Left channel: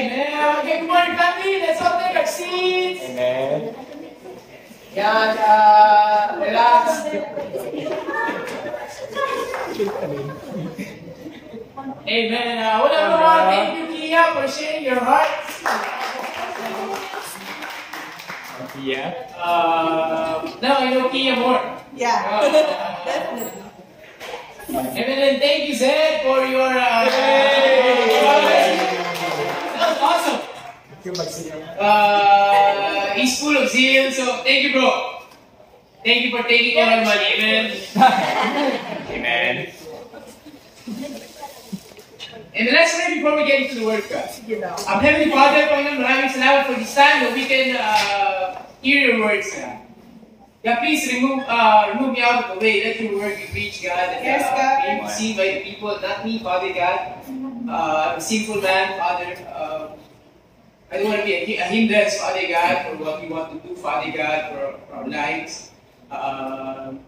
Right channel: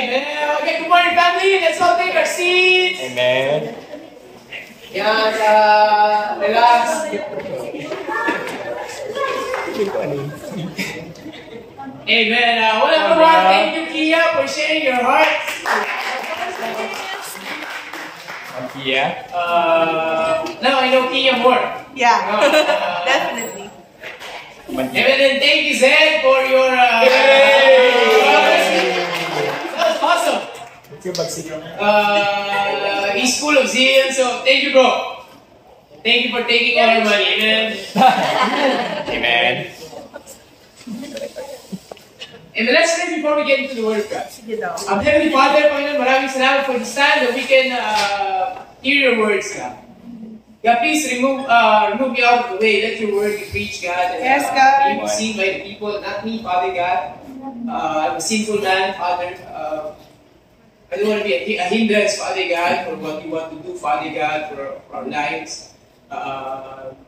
Amen. Okay, good morning, family. Let's all take our seats. Amen. Yan, relax. Amen. Well, everyone, thank you, Kia, for sharing your heart. Kia. Now I know Kia more. Yeah, definitely. Amen. And thank you, Zed, for your. That was awesome. He's full of zeal, so thank you, bro. Thank you for taking all our money. Amen. Amen. And let's pray before we get into the word, guys. Heavenly Father, Panginoon, maraming salamat for this time that we can hear your words, God. God, please remove me out of the way. Let your word be preached, God. And, Yes, God. be received by the people, not me, Father God. I'm a sinful man, Father. I don't want to be a hindrance, Father God, for what you want to do, Father God, for our lives.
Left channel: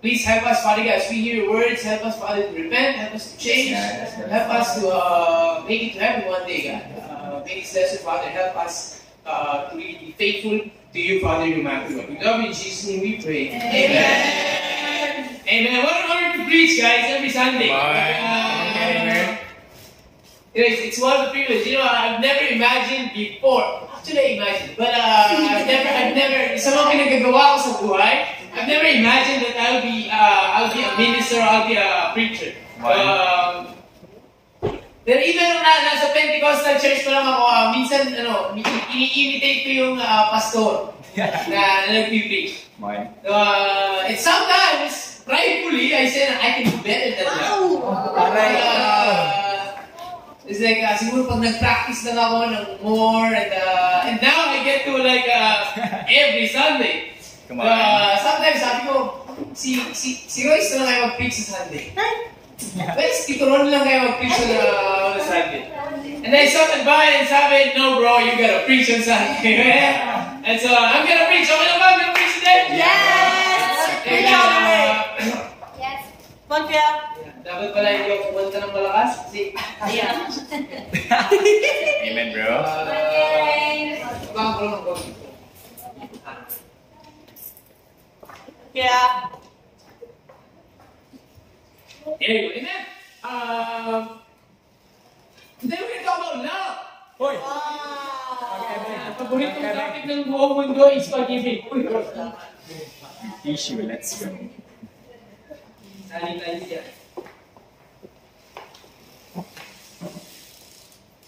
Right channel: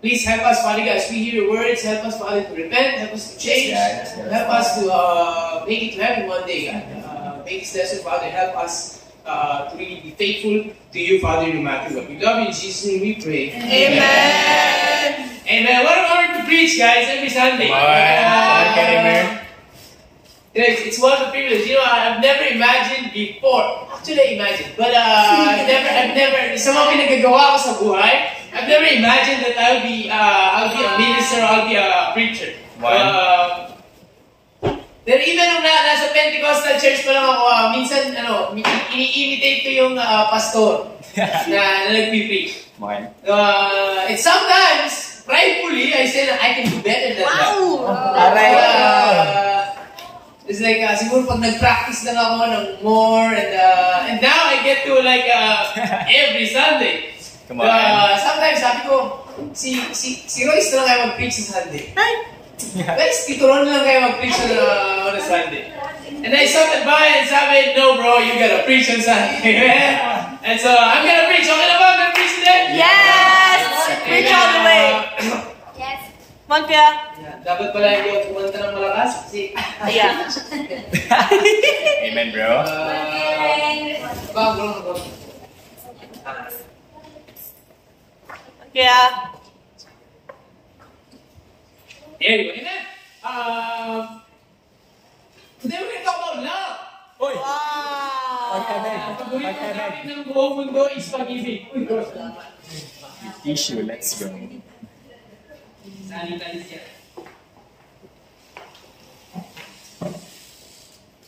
Please help us, Father God, as we hear your words. Help us, Father, to repent. Help us to change. Yes. Help us to make it to heaven one day, God. Make this lesson, Father. Help us to really be faithful to you, Father, no matter what. We love you. In Jesus' name we pray. Amen. Amen. What an honor to preach, guys, every Sunday. It's one of the privileges. You know, I've never imagined before. Actually, I imagined. But I've never, sa mga pinagagawa ko sa buhay, I've never imagined that I'll be a minister, I'll be a preacher. Pero even nung nasa Pentecostal church pa lang ako, minsan, ini-imitate ko yung pastor na nagpipreach. And sometimes, pridefully, I say that I can do better than that. It's like, siguro pag nag-practice lang ako ng more, and now I get to like, every Sunday. Sometimes sabi ko, si Royce na lang kayo mag-preach sa Sunday. Guys, Tito Ron lang kayo mag-preach on Sunday. And I started by and sabi, no bro, you gotta preach on Sunday. And so, I'm gonna preach. Okay na ba? I'm gonna preach today? Yes! Preach all the way. Yes. One kaya? Dapat pala hindi ako kumanta ng malakas kasi... Yeah. Amen, bro. Bago lang ako. Yeah. Anyway, amen. Today we're gonna talk about love. Wow. Ang paboritong topic ng buong mundo is pag-ibig. Uy, Lord, salamat. Issue, let's go. Sanitize yan.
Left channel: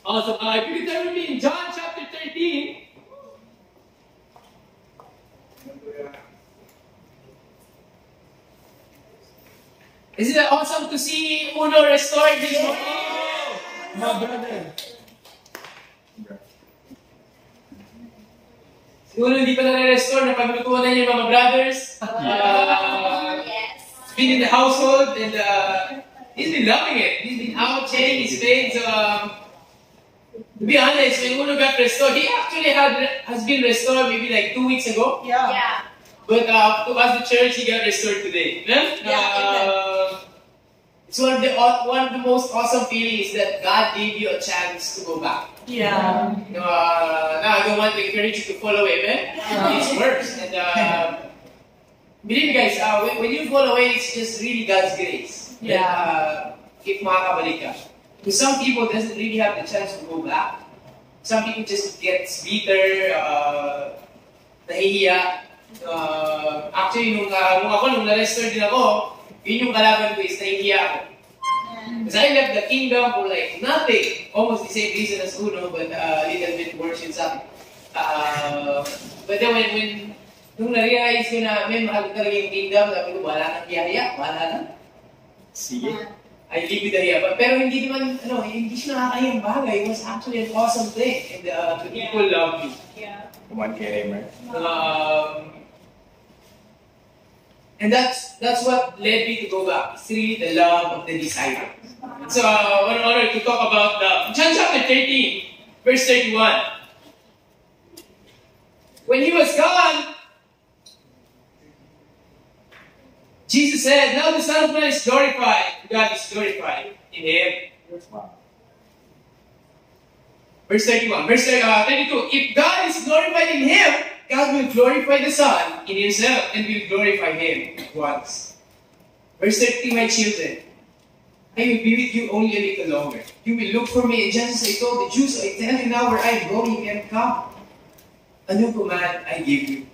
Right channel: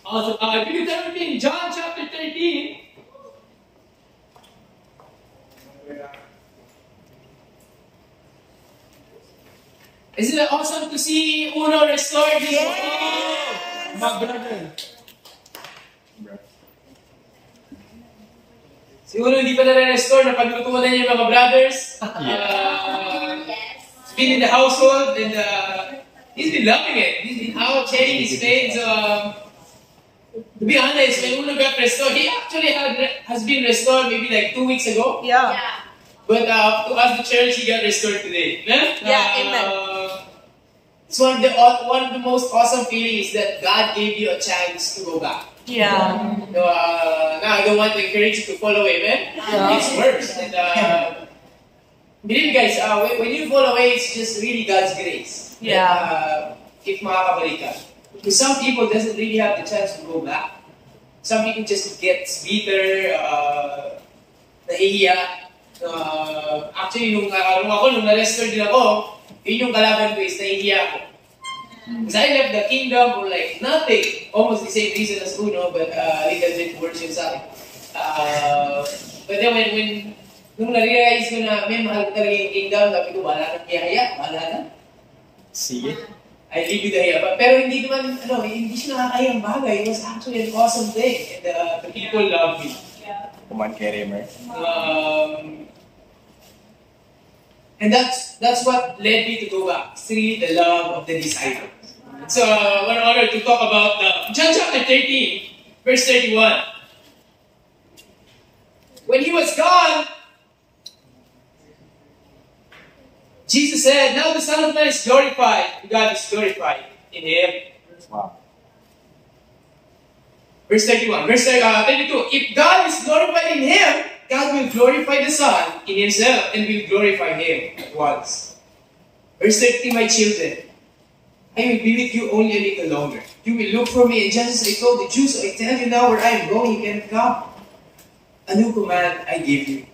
Also, if you could turn with me in John chapter 13. Isn't it awesome to see Uno restored this morning? My brother. Si Uno hindi pa na-restore, napaglutuan na niya yung mga brothers. Yes. He's been in the household and he's been loving it. He's been out sharing his faith. So, to be honest, when Uno got restored, he actually has been restored maybe like 2 weeks ago. Yeah. Yeah. But to us, the church, he got restored today. It's one of the most awesome feelings that God gave you a chance to go back. Yeah. Now, I don't want to encourage you to fall away, man. It's worse. And believe me, guys, when you fall away, it's just really God's grace. Yeah. If makakabalik ka. Because some people doesn't really have the chance to go back. Some people just get bitter, nahihiya. Actually, nung na-restore din ako, yun yung kalaban ko is nahihiya ako. Because I left the kingdom for like nothing. Almost the same reason as Uno, but a little bit worse yung sa akin. But then when nung na-realize ko na may mahal ko talaga yung kingdom, sabi ko, wala nang hiya, wala na. See? I live with the hiya. Pero hindi naman, hindi siya nakakahiyang bagay. It was actually an awesome thing. And the people love you. Come on, get him, right? And that's what led me to go back. It's really the love of the disciples. So, what an honor to talk about John chapter 13, verse 31. When he was gone, Jesus said, now the Son of Man is glorified. God is glorified in him. Wow. Verse 31. Verse 32. If God is glorified in him, God will glorify the Son in himself and will glorify him at once. Verse 30, my children, I will be with you only a little longer. You will look for me, and just as I told the Jews, I tell you now where I am going, you cannot come. A new command I give you.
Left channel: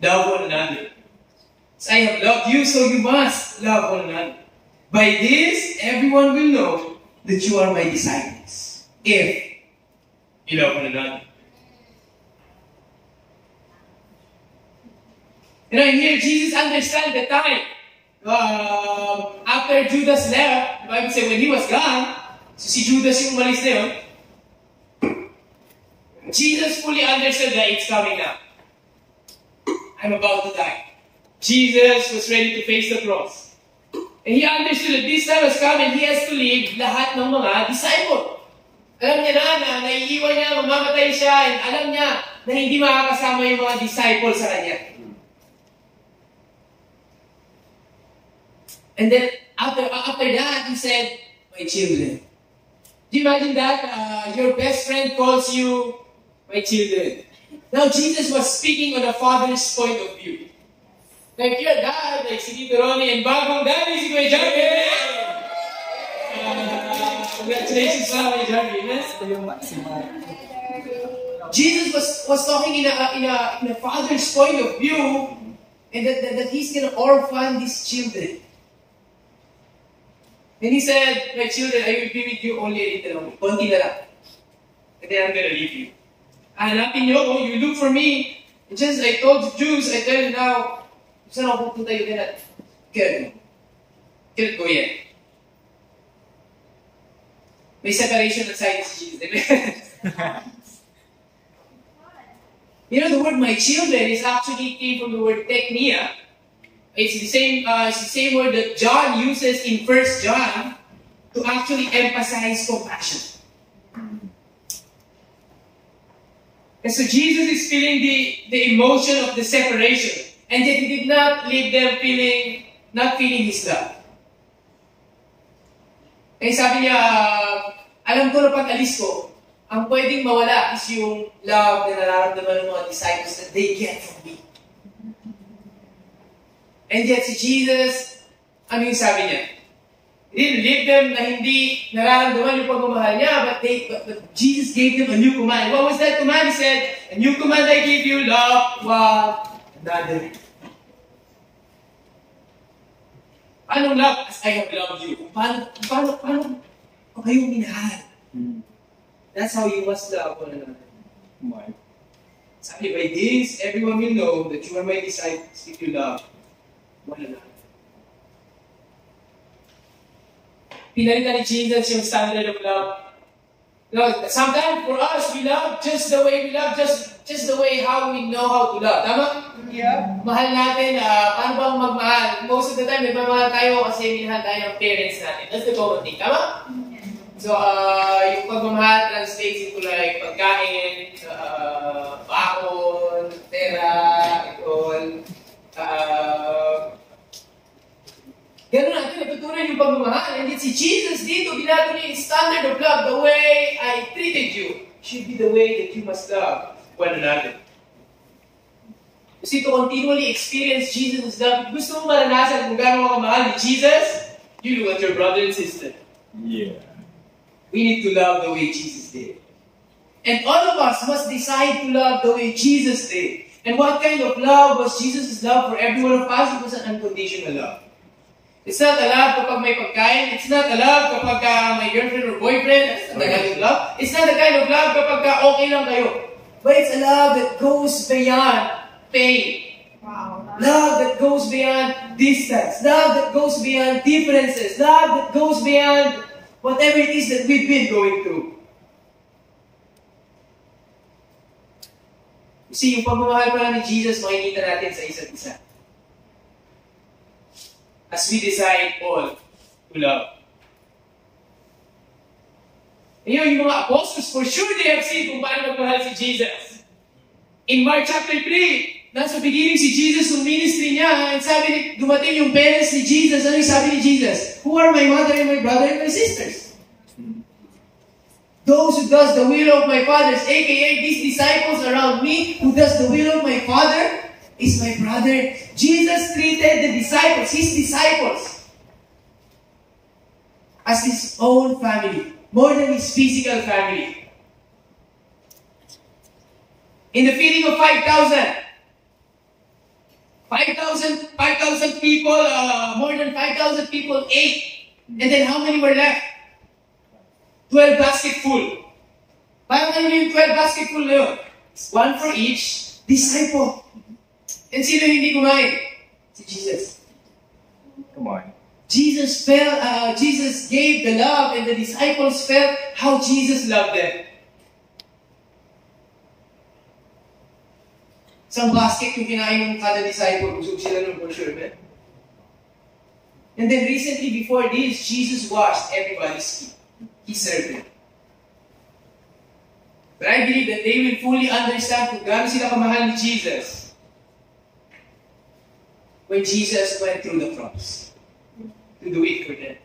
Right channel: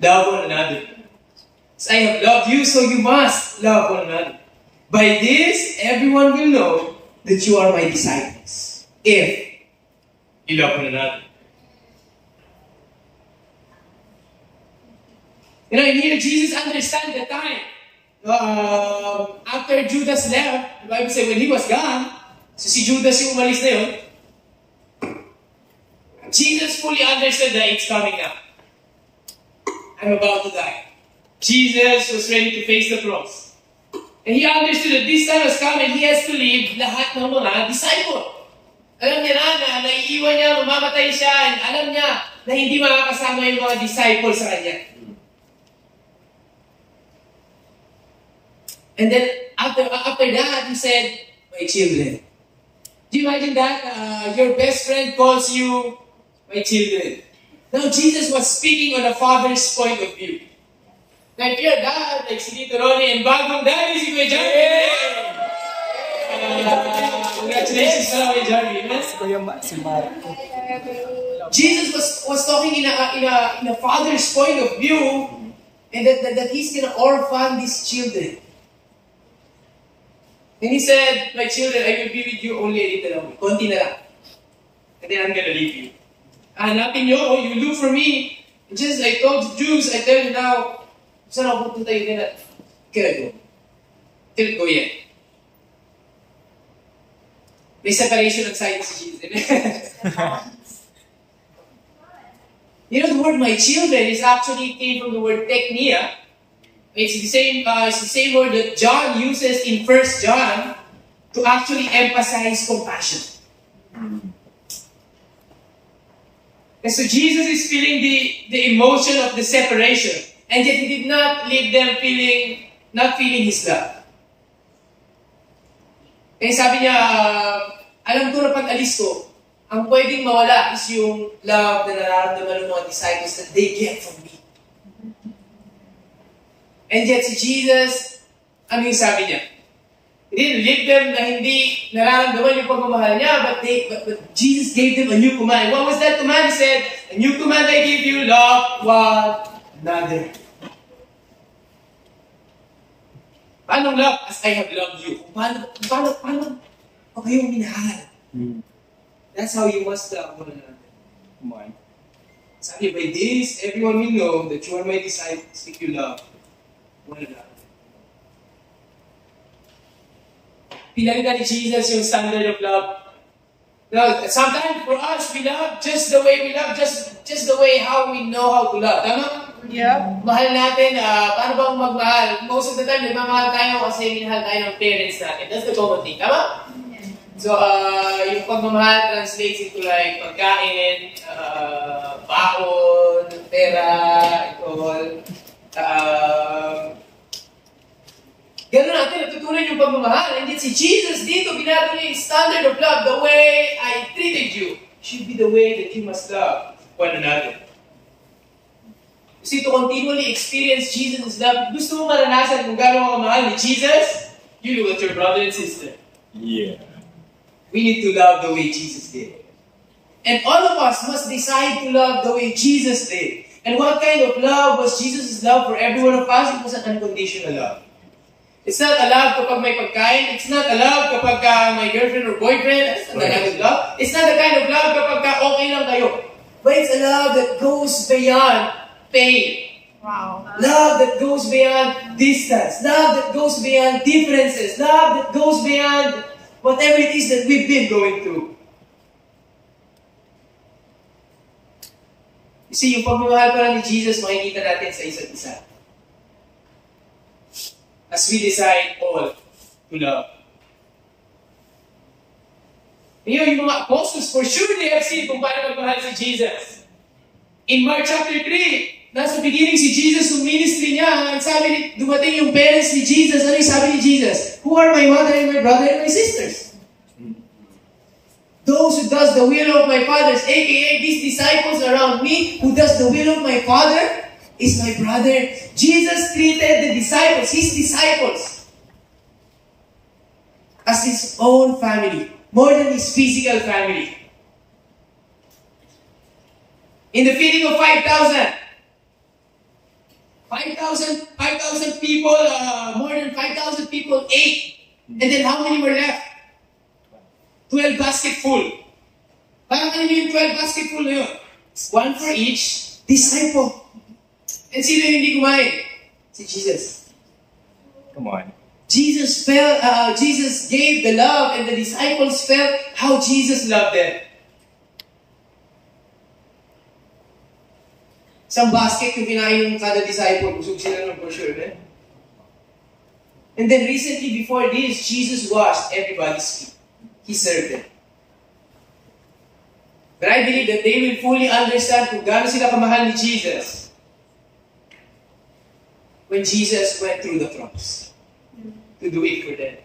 Love one another. As I have loved you, so you must love one another. By this, everyone will know that you are my disciples, if you love one another. You know, here Jesus understands the time. After Judas left, the Bible says when he was gone, so si Judas yung umalis na yun, Jesus fully understood that it's coming now. I'm about to die. Jesus was ready to face the cross. And he understood that this time has come and he has to leave lahat ng mga disciple. Alam niya na naiiwan niya, mamamatay siya, and alam niya na hindi makakasama yung mga disciple sa kanya. And then after that, he said, my children. Do you imagine that? Your best friend calls you, my children. Now Jesus was speaking on a father's point of view. Now if you're dad, like si Tito Ronnie, and bagong daddy si Kuya Jarvie. Congratulations pala Kuya Jarvie. Jesus was talking in a father's point of view, and that he's gonna orphan these children. And he said, my children, I will be with you only a little longer. Konti na lang. And then I'm gonna leave you. Hanapin nyo, you look for me. And just as I told the Jews, I tell you now, saan ako pupunta, you cannot go. Cannot go yet. May separation of sides si Jesus. Amen? You know, the word my children is actually came from the word teknia. It's the same word that John uses in 1 John to actually emphasize compassion. And so Jesus is feeling the emotion of the separation, and yet he did not leave them not feeling his love. And sabi niya, alam ko na pag alis ko, ang pwedeng mawala is yung love na nararamdaman ng mga disciples that they get from me. And yet si Jesus, ano yung sabi niya? He didn't leave them na hindi nararamdaman yung pagmamahal niya, but Jesus gave them a new command. What was that command? He said, a new command I give you, love one another. Paano love? As I have loved you. Paano ko kayong minahal? That's how you must love one another. Come on. Sabi, by this, everyone will know that you are my disciples if you love one another. Pinalitan ni Jesus yung standard of love. No, sometimes for us, we love just the way we love, just the way how we know how to love. Tama? Yeah. Mahal natin, paano ba magmahal? Most of the time, nagmamahal tayo kasi minahal tayo ng parents natin. That's the common thing. Tama? So, yung pagmamahal translates into like pagkain, baon, pera, all. Ganun natin, natutunan yung pagmamahal. And si Jesus dito, binato niya yung standard of love. The way I treated you should be the way that you must love one another. Kasi to continually experience Jesus' love, gusto mo maranasan kung gano'n ka kamahal ni Jesus, you look at your brother and sister. Yeah. We need to love the way Jesus did. And all of us must decide to love the way Jesus did. And what kind of love was Jesus' love for every one of us? It was an unconditional love. It's not a love kapag may pagkain. It's not a love kapag may girlfriend or boyfriend. It's not the kind of love. It's not the kind of love kapag okay lang kayo. But it's a love that goes beyond pain. Wow. Love that goes beyond distance. Love that goes beyond differences. Love that goes beyond whatever it is that we've been going through. You see, yung pagmamahal pala ni Jesus, makikita natin sa isa't isa. As we decide all to love. Ngayon, yung mga apostles, for sure they have seen kung paano magmahal si Jesus. In Mark chapter 3, nasa beginning si Jesus yung ministry niya, and sabi ni, dumating yung parents ni Jesus, ano yung sabi ni Jesus? Who are my mother and my brother and my sisters? Those who does the will of my Father, aka these disciples around me, who does the will of my Father, is my brother. Jesus treated the disciples, his disciples, as his own family, more than his physical family. In the feeding of 5,000 people, more than 5,000 people ate. And then how many were left? 12 basket full. Paano yung 12 basket full na yun? One for each disciple. And sino yung hindi kumain? Si Jesus. Come on. Jesus gave the love, and the disciples felt how Jesus loved them. Isang basket yung kinain ng kada disciple, busog sila nun for sure, man. And then recently, before this, Jesus washed everybody's feet. He served them. But I believe that they will fully understand kung gaano sila kamahal ni Jesus when Jesus went through the cross to do it for them.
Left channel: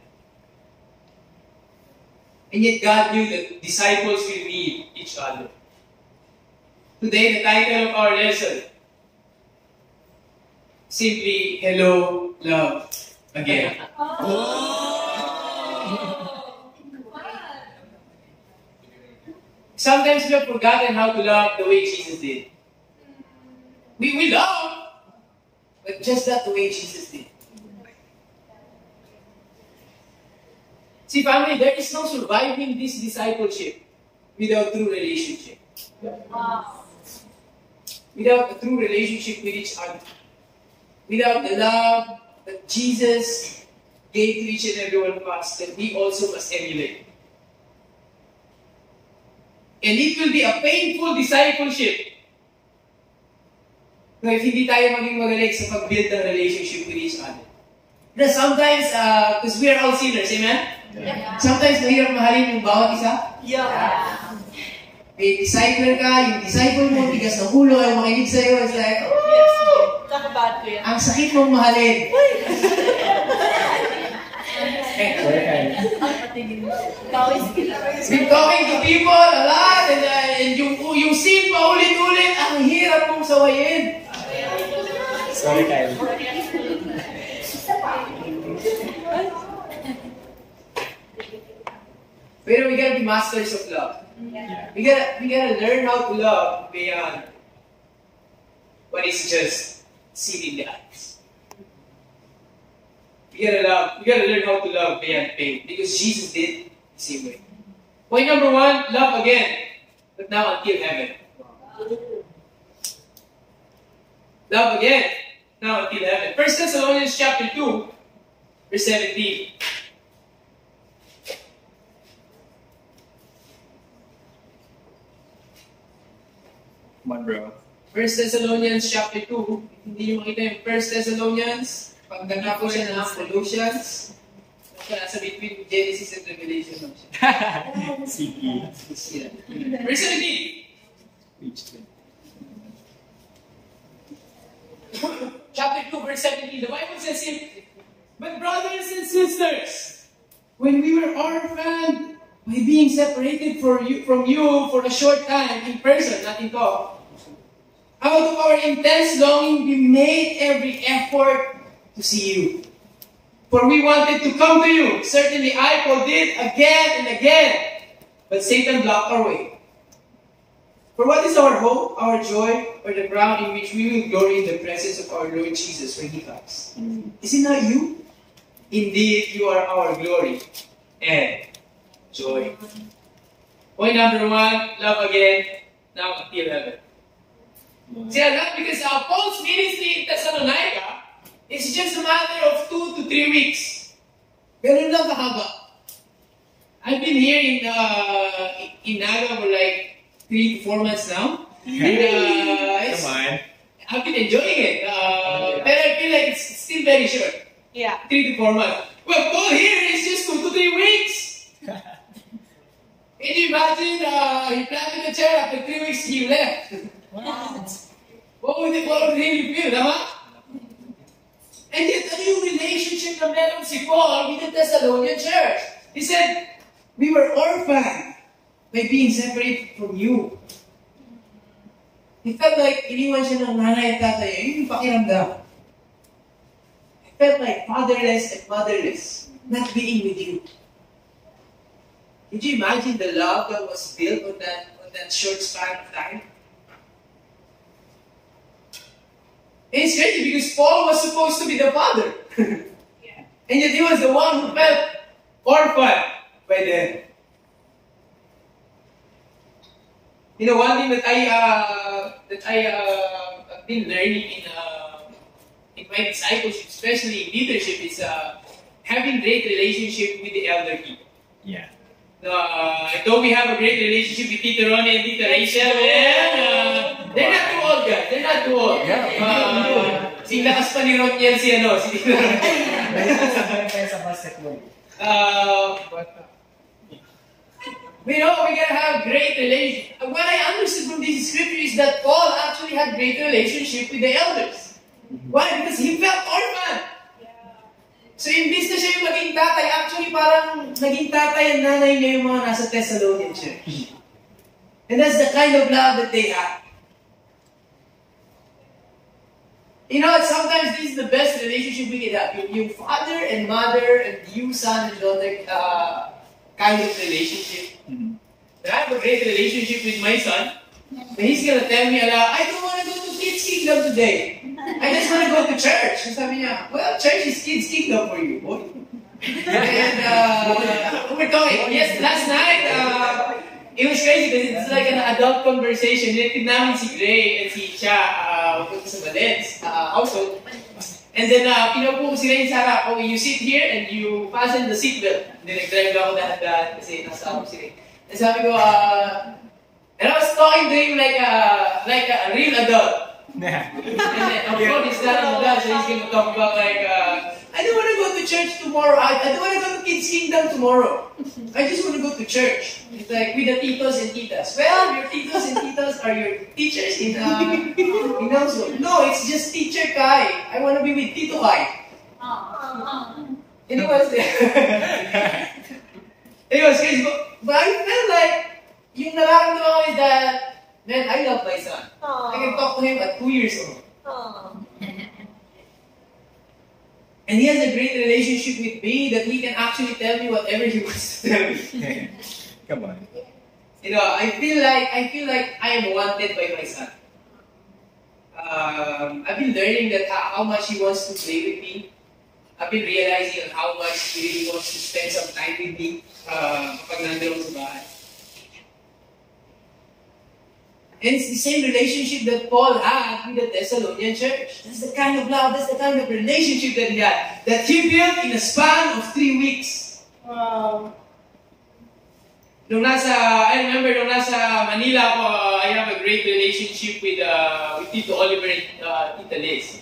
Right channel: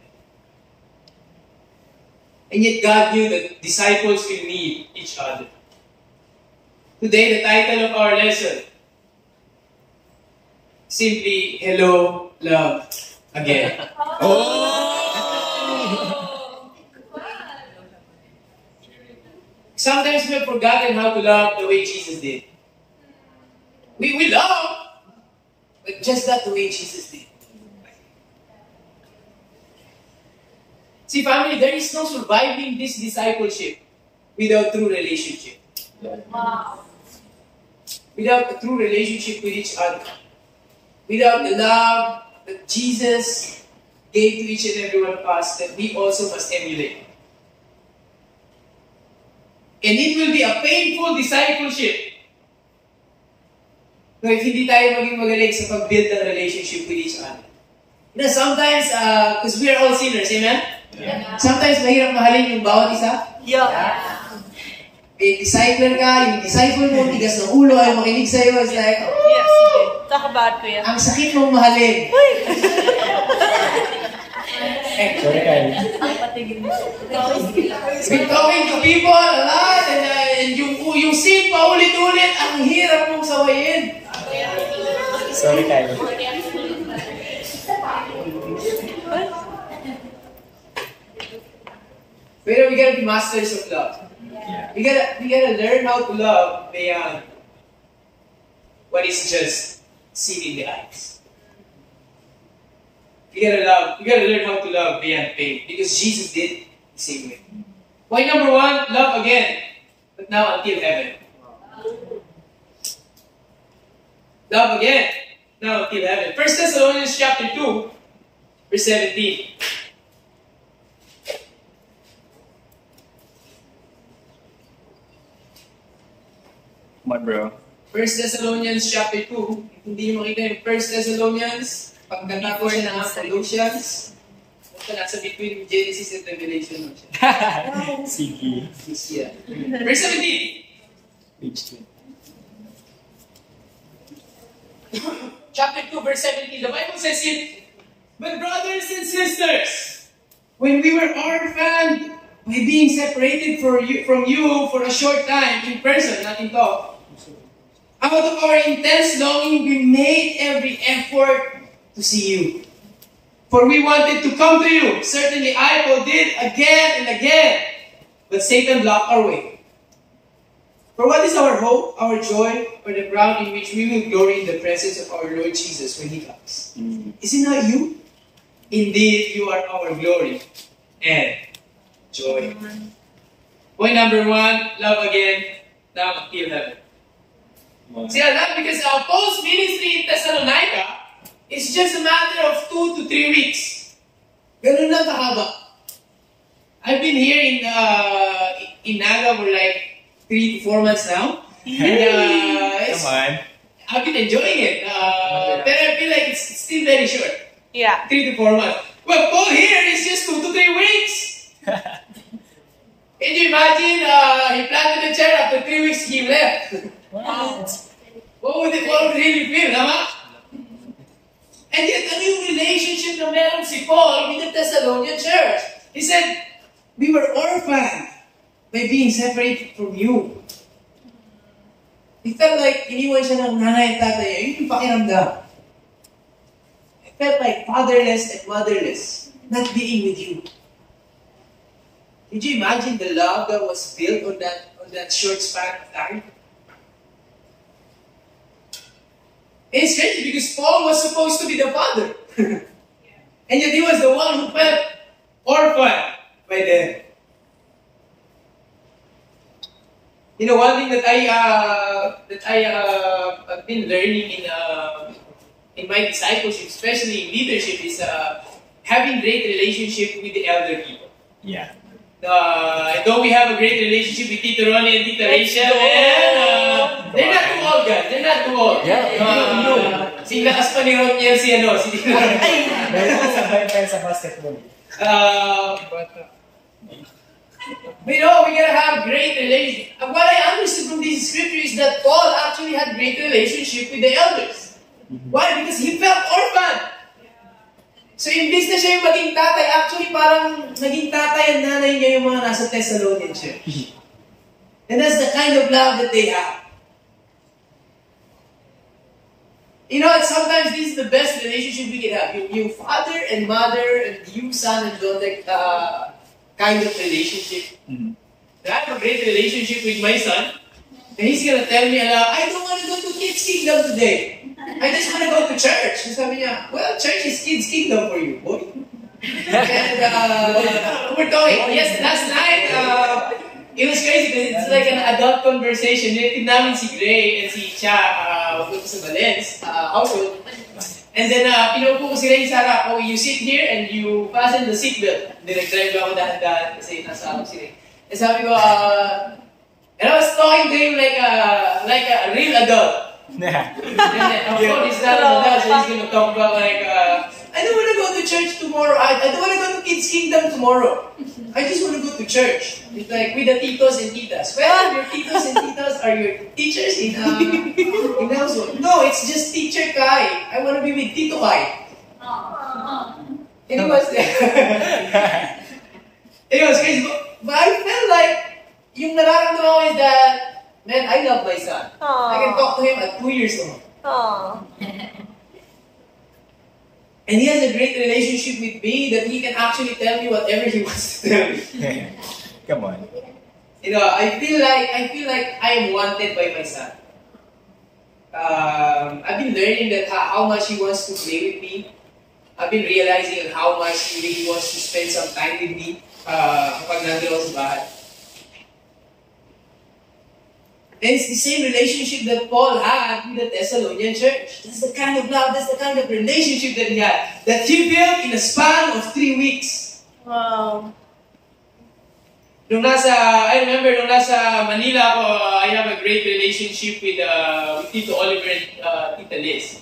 And yet God knew that disciples will need each other. Today, the title of our lesson, simply, Hello, Love, Again. Sometimes we have forgotten how to love the way Jesus did. We love, but just not the way Jesus did. See, family, there is no surviving this discipleship without true relationship. Without a true relationship with each other. Without the love that Jesus gave to each and every one of us, that we also must emulate. And it will be a painful discipleship. No, if hindi tayo maging magaling sa pag-build ng relationship with each other. You know, sometimes, because we are all sinners, amen? Yeah. Sometimes mahirap mahalin yung bawat isa. Yeah. May disciple ka, yung disciple mo, tigas ng ulo, ayaw makinig sa'yo. It's like, oh, Yes, okay. Talk about ko yan. ang sakit mong mahalin. Sorry, Kyle. Been talking to people a lot, and yung sin paulit-ulit, ang hirap mong sawayin. Sorry, Kyle. Pero we gotta be masters of love. Yeah. We gotta learn how to love beyond what is just seen in the eyes. We gotta learn how to love beyond pain, because Jesus did the same way. Point number one, love again, but now until heaven. Love again, now until heaven. 1 Thessalonians chapter 2, verse 17. Come on, bro. 1 Thessalonians chapter 2. If hindi nyo makita yung 1 Thessalonians, pagdana po siya ng Colossians. Basta nasa between Genesis and Revelation lang siya. Sige. Yeah. Verse 17. Page 20. Chapter 2, verse 17. The Bible says here, but brothers and sisters, when we were orphaned by being separated from you for a short time in person, not in talk, out of our intense longing, we made every effort to see you. For we wanted to come to you. Certainly I, Paul, did again and again. But Satan blocked our way. For what is our hope, our joy, or the ground in which we will glory in the presence of our Lord Jesus when He comes? Is it not you? Indeed, you are our glory and joy. Point number one, love again, now until heaven. See, I love because Paul's ministry in Thessalonica is just a matter of 2 to 3 weeks. Ganun lang kahaba. I've been here in Naga for like 3 to 4 months now. And Come on. I've been enjoying it. But I feel like it's still very short. Yeah. 3 to 4 months. Well, Paul here is just 2 to 3 weeks. Can you imagine, he planted a chair, after 3 weeks he left. What would really feel, tama? And yet, ano yung relationship na meron si Paul with the Thessalonian church? He said, we were orphaned by being separated from you. It felt like iniwan siya ng nanay at tatay. Yun yung pakiramdam. It felt like fatherless and motherless, not being with you. Did you imagine the love that was built on that short span of time? And it's crazy because Paul was supposed to be the father. And yet he was the one who felt orphaned by them. You know, one thing that I've been learning in my discipleship, especially in leadership, is having great relationship with the elder people. Yeah. Though we have a great relationship with Tito Ronnie and Tita Rachel, they're not too old, guys. They're not too old. Sing lakas pa ni Roniel si Tito Ronnie. Sabay tayo sa basketball. But we gotta have great relationship. What I understood from this scripture is that Paul actually had great relationship with the elders. Why? Because he felt orphaned. So imbis na siya yung maging tatay, actually parang naging tatay and nanay niya yung mga nasa Thessalonian church. And that's the kind of love that they have. You know, sometimes this is the best relationship we can have. Yung father and mother and you son and daughter kind of relationship. And I have a great relationship with my son. And he's gonna tell me, I don't want to go to Kids Kingdom today. I just want to go to church. And sabi niya, well, church is Kids Kingdom for you, boy. And we're talking. Yes, last night, it was crazy because it's like an adult conversation. Nilitid namin si Gray and si Cha mapunta sa Valens household. And then, pinupo ko si Ray Sarah, you sit here and you fasten the seatbelt. Then nag-drive ako dahan-dahan kasi nasa ako si Ray. And sabi ko, and I was talking to him like a real adult. And of course, he's not an adult, so he's gonna talk about like, I don't want to go to church tomorrow. I don't want to go to Kids Kingdom tomorrow. I just want to go to church. It's like with the titos and titas. Well, your titos and titas are your teachers in household. No, it's just Teacher Kai. I want to be with Tito Kai. And it was it was crazy. But I felt like yung nararamdaman ko is that, man, I love my son. I can talk to him at 2 years old. And he has a great relationship with me that he can actually tell me whatever he wants to tell me. Come on. You know, I feel like I am wanted by my son. I've been learning that how much he wants to play with me. I've been realizing how much he really wants to spend some time with me kapag nandun ako sa bahay. And it's the same relationship that Paul had with the Thessalonian church. That's the kind of love, that's the kind of relationship that he had, that he built in a span of 3 weeks. Wow. I remember nung nasa Manila ako, I have a great relationship with Tito Oliver and Tita Liz.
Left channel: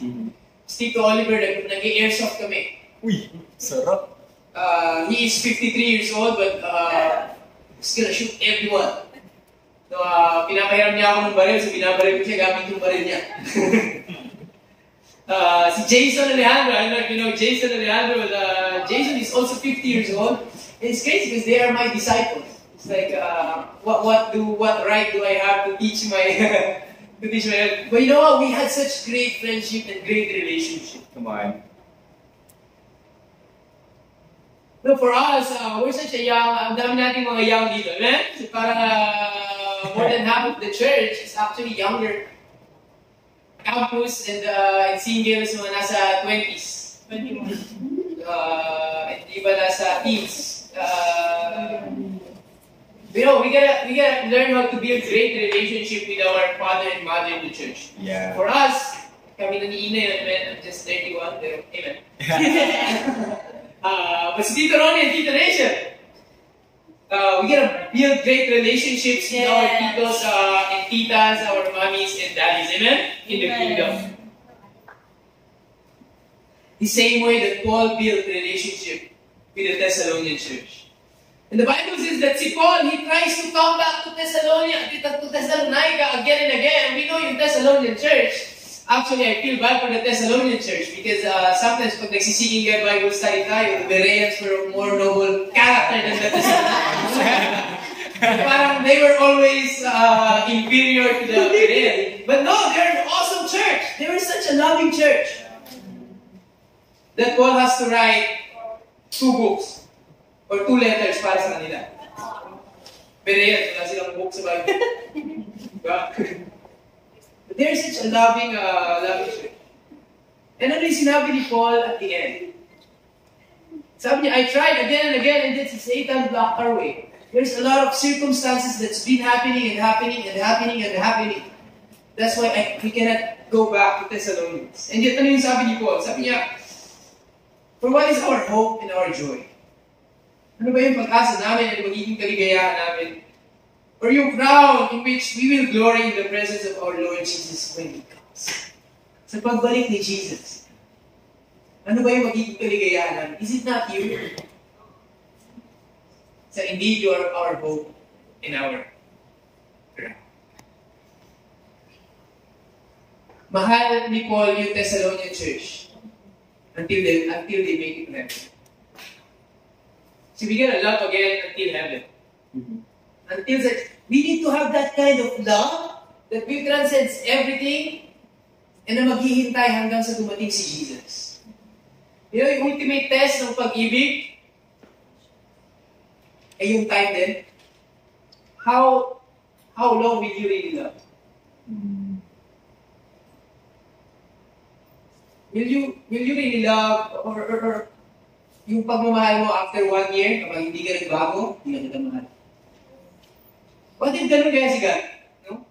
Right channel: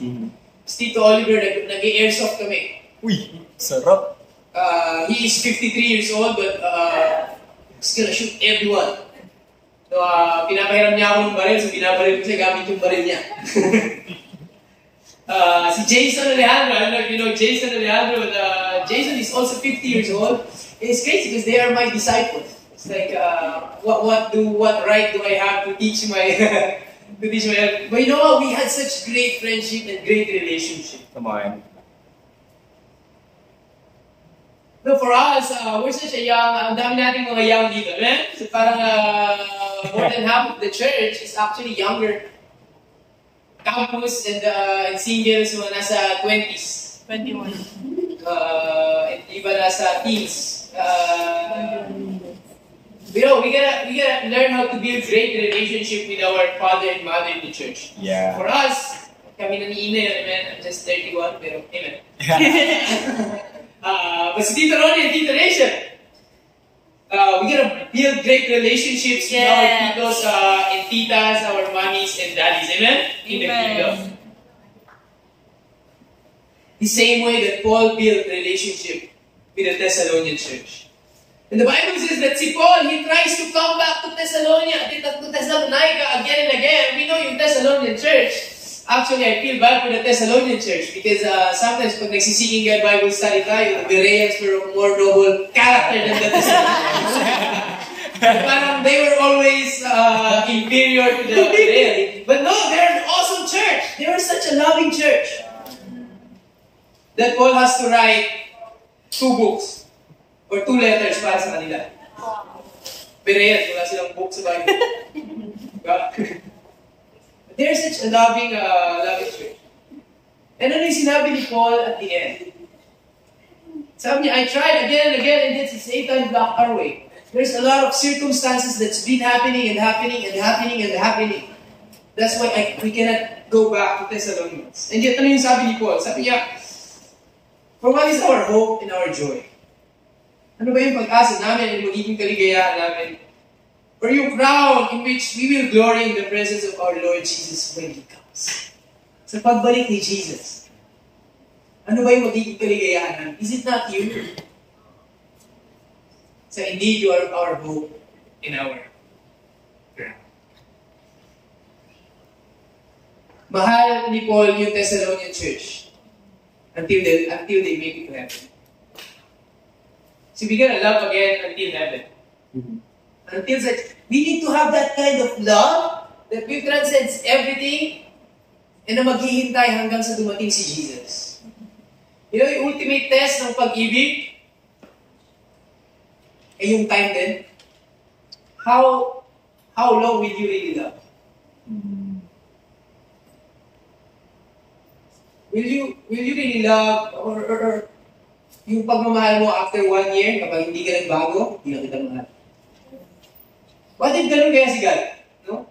Tito Oliver, nag-airsoft kami. Uy, sarap. He is 53 years old, but he's gonna shoot everyone. So, pinapahiram niya ako ng baril, so binabaril ko siya gamit yung baril niya. Si Jason Alejandro, I don't know if you know Jason Alejandro, but Jason is also 50 years old. And it's crazy because they are my disciples. It's like, what right do I have to teach my, to teach my, but you know what, we had such great friendship and great relationship. Come on. No, for us, we're such a young, ang dami nating mga young dito, man. So parang more than half of the church is actually younger. Campus and singles, mga nasa 20s. 21. And iba nasa teens. You know, we gotta learn how to build great relationship with our father and mother in the church. Yeah. For us, kami na ni Ina, man, I'm just 31, pero amen. But si Tito Ronnie and Tita Rachel, we gotta build great relationships with our titos and titas, our mommies and daddies, amen? In the kingdom. The same way that Paul built relationship with the Thessalonian church. And the Bible says that si Paul, he tries to come back to Thessalonica again and again. We know yung Thessalonian church. Actually, I feel bad for the Thessalonian church because sometimes pag nagsisinging God Bible study tayo, the Bereans were a more noble character than the Thessalonians. Parang always inferior to the Berean. But no, they're an awesome church. They were such a loving church that Paul has to write 2 books or 2 letters para sa kanila. Berean, wala silang book sa Bible. But they're such a loving church. And ano yung sinabi ni Paul at the end? Sabi niya, I tried again and again, and then Satan blocked our way. There's a lot of circumstances that's been happening and happening and happening and happening. That's why we cannot go back to Thessalonians. And yet, ano yung sabi ni Paul? Sabi niya, for what is our hope and our joy? Ano ba yung pag-asa namin and magiging kaligayahan namin? Or yung crown in which we will glory in the presence of our Lord Jesus when He comes. Sa pagbalik ni Jesus. Ano ba yung magiging kaligayahan? Is it not you? So indeed, you are our hope and our crown. Mahal ni Paul yung Thessalonian church until they make it to heaven. So we're gonna love again until heaven. Until such, we need to have that kind of love that will transcend everything and na maghihintay hanggang sa dumating si Jesus. You know, yung ultimate test ng pag-ibig ay yung time din. How long will you really love? Will you really love or yung pagmamahal mo after 1 year kapag hindi ka nagbago, hindi na kita mahal? What if ganun kaya si God? No?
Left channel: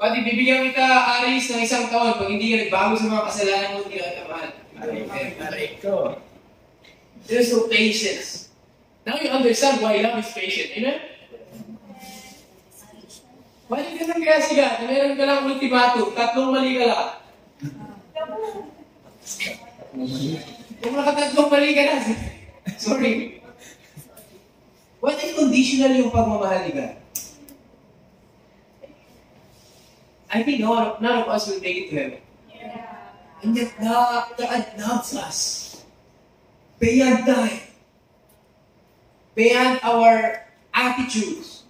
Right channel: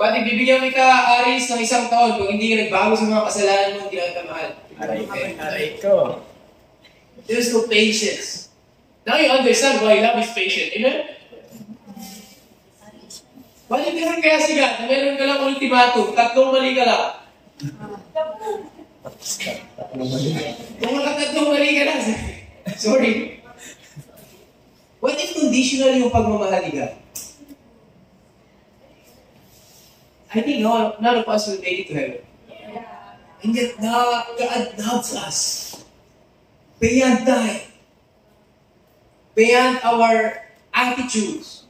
What if bibigyan kita aris ng 1 taon pag hindi ka nagbago sa mga kasalanan mo, hindi na kita mahal? There's no patience. Now you understand why love is patient. Amen? What if ganun kaya si God? Meron ka lang ultimatum, 3 mali ka lang. Kung nakatatlong mali ka na, sorry. What if conditional yung pagmamahal ni God? I think none of us will make it to heaven. And yet, God loves us beyond time, beyond our attitudes,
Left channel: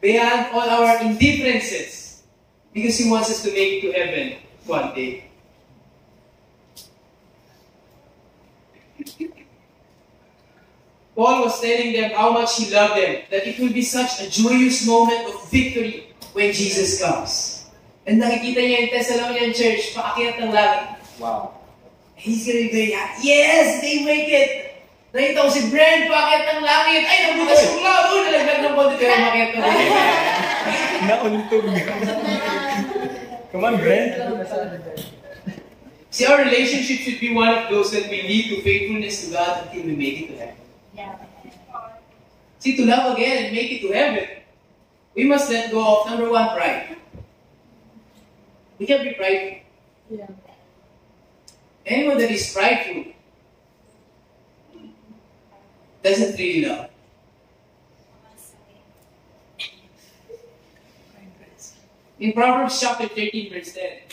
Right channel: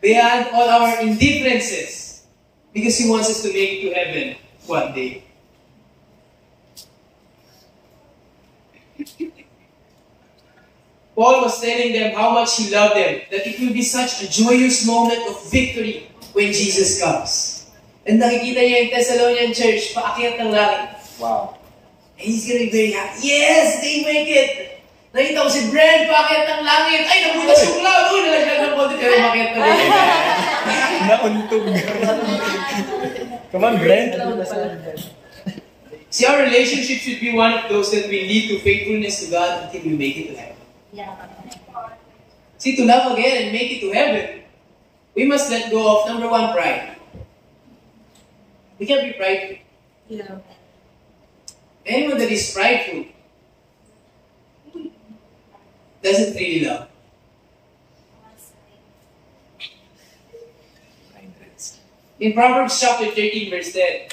beyond all our indifferences, because He wants us to make it to heaven one day. Paul was telling them how much he loved them, that it will be such a joyous moment of victory when Jesus comes. And nakikita niya yung Thessalonian church, paakyat ng langit. Wow. And he's gonna be very happy. Yes, they make it! Nakita ko si Brent, paakyat ng langit. Ay, nabutas yung cloud! Oh, nalaglag ng konti, pero makyat pa din. Nauntog. Come on, Brent. See, our relationship should be one of those that will lead to faithfulness to God until we make it to heaven. See, to love again and make it to heaven, we must let go of, number 1, pride. We can't be prideful. Yeah. Anyone that is prideful doesn't really love. In Proverbs chapter 13, verse 10,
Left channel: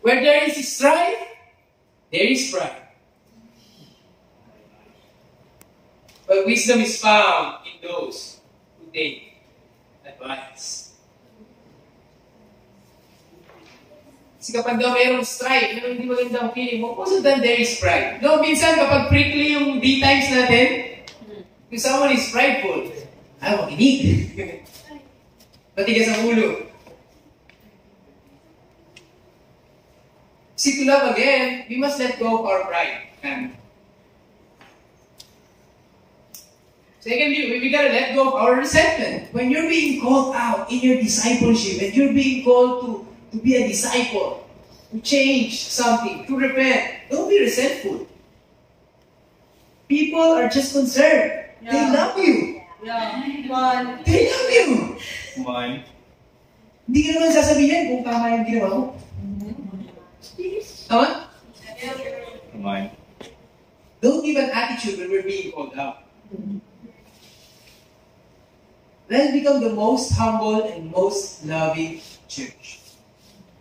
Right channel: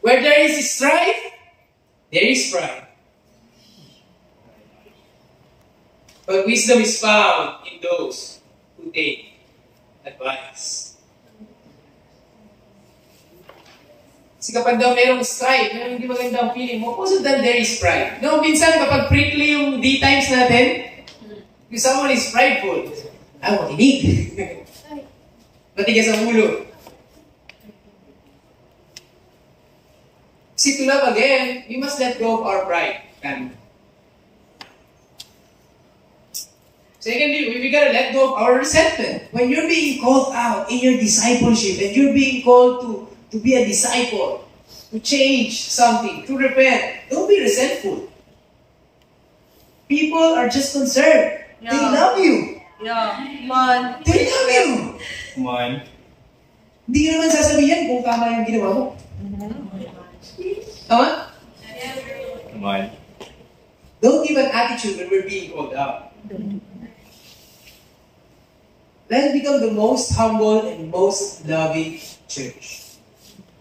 where there is strife, there is pride. But wisdom is found in those who take advice. Kasi kapag daw mayroong strife, yung hindi magandang feeling mo, also then there is pride. No, minsan kapag prickly yung D times natin, if someone is prideful, makinig. Matigas ang ulo. See, to love again, we must let go of our pride. Secondly, we gotta let go of our resentment. When you're being called out in your discipleship, and you're being called to be a disciple, to change something, to repent, don't be resentful. People are just concerned. Yeah. They love you. Yeah. Come on. They love you. Come on. Hindi ka naman sasabihin kung tama yung ginawa mo. Tama? Come on. Don't give an attitude when we're being called out. Let's become the most humble and most loving church.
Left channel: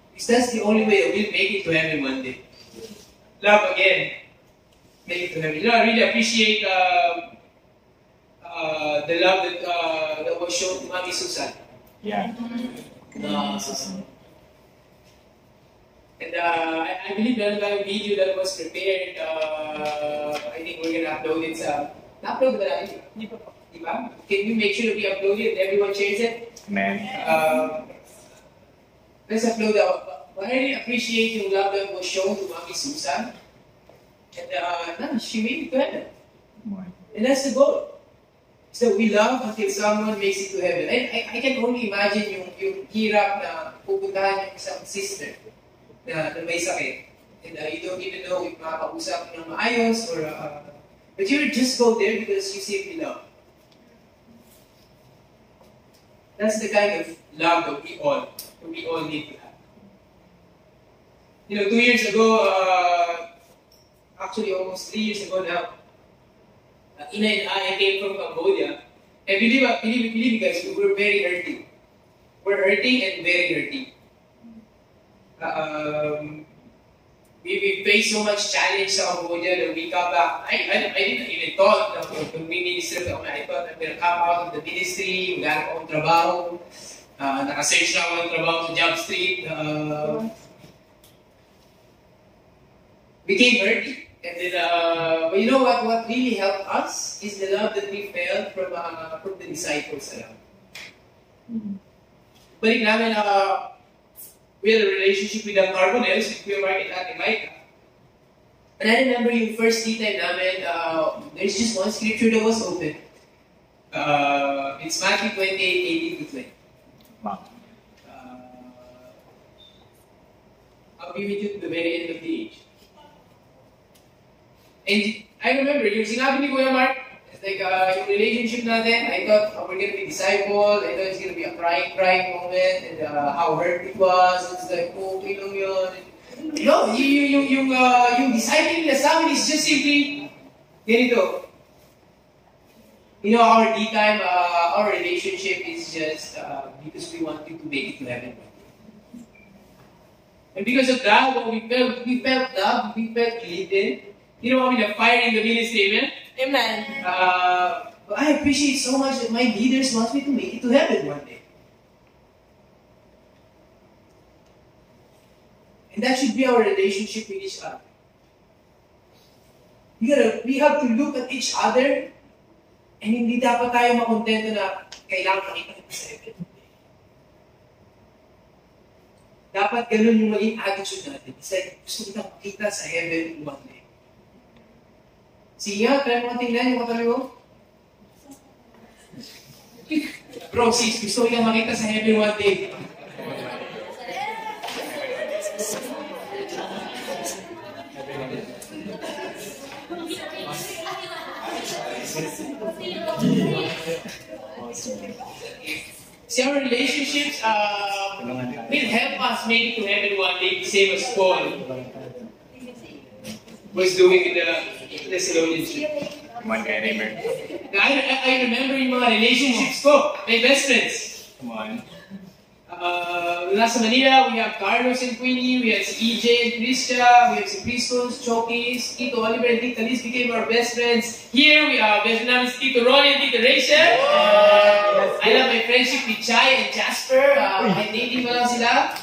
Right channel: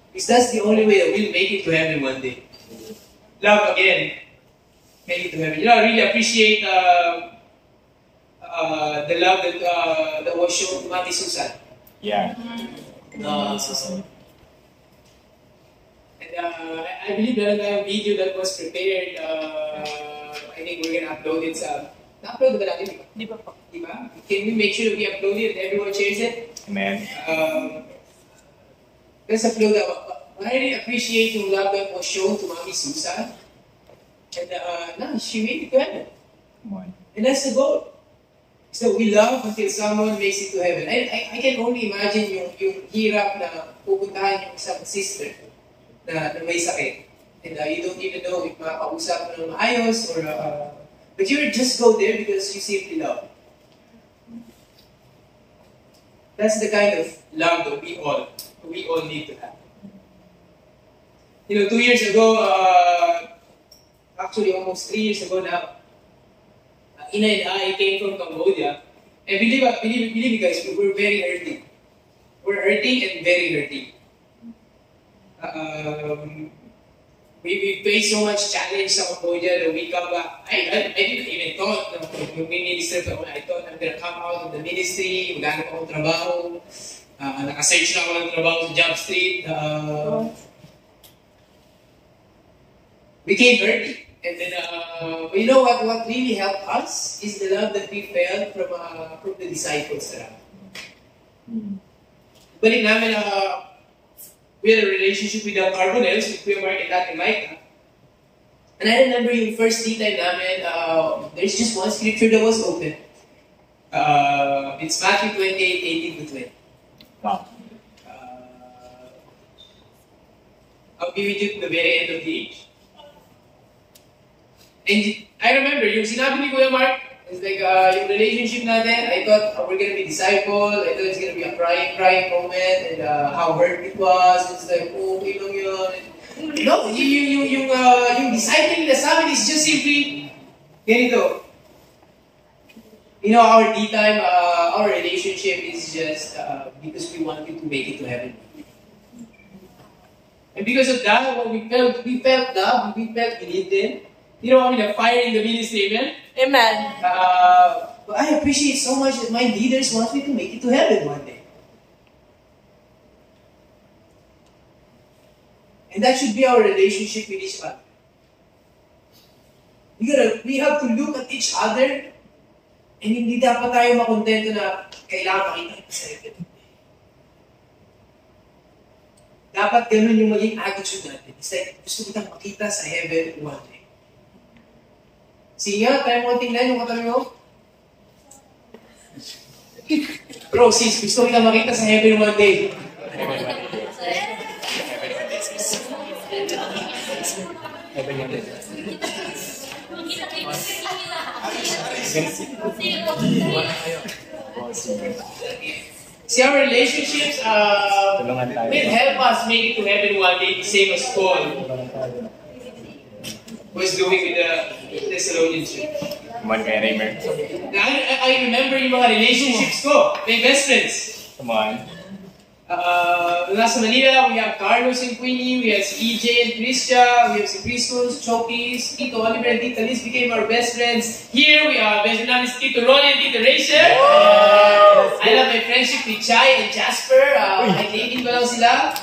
Because that's the only way that we'll make it to heaven one day. Love again make it to heaven. You know, I really appreciate the love that was shown to Mami Susan. Yeah. And I believe meron tayong video that was prepared. I think we're gonna upload it sa... Na-upload ba natin? Di ba po? Di ba? Can we make sure we upload it and everyone shares it? Amen. Let's upload that. I really appreciate yung love that was shown to Mami Susan. And she made it to heaven. Come on. And that's the goal. So we love until someone makes it to heaven. I can only imagine yung hirap na pupuntahan yung isang sister na may sakit. And you don't even know if makakausap mo ng maayos or... but you just go there because you simply love. That's the kind of love that we all need to have. You know, 2 years ago, actually almost 3 years ago now, Ina and I came from Cambodia, and believe me guys, we were very hurting. We're hurting and very hurting. We faced so much challenge sa Cambodia that we come back. I didn't even thought na when we minister to I thought I'm gonna come out of the ministry, wala na akong trabaho, naka-search na ako ng trabaho sa Job Street. We came hurting. And then, but you know what really helped us is the love that we felt from the disciples around. Balik namin, we had a relationship with the Carbonels, with Kuya Mark and Ate Micah. And I remember yung first tea time namin, there's just one scripture that was open. It's Matthew 28:18-20. Wow. I'll be with you to the very end of the age. And I remember, yung sinabi ni Kuya Mark, it's like, yung relationship natin, I thought we're gonna be disciple, I thought it's gonna be a crying moment, and how hurt it was, it's like, oh, okay lang yun. No, yung discipling na sa amin is just simply, ganito. You know, our D-time, our relationship is just because we wanted to make it to heaven. And because of that, we felt love, we felt believed in. You know, the fire in the ministry, amen? Amen. But I appreciate so much that my leaders want me to make it to heaven one day. And that should be our relationship with each other. We have to look at each other and hindi dapat tayo makontento na kailangan makita kita sa heaven. Dapat ganun yung maging attitude natin. It's like, gusto kitang makita sa heaven one day. Sige nga, tayo mo tingnan yung katabi mo. Bro, sis, gusto ko lang makita sa heaven one day. See, our relationships will help us make it to heaven one day, the same as Paul was doing with the Thessalonians. Come on, kaya Raymer. I remember yung mga relationships ko, my best friends. Come on. Nasa Manila, we have Carlos and Queenie, we have si EJ and Kristia, we have si Christos, Chokis, Tito Oliver and Tita Liz became our best friends. Here, we are best namin si Tito Ronnie and Tita Rachel. I love my friendship with Chai and Jasper. Kahit dating pa lang sila.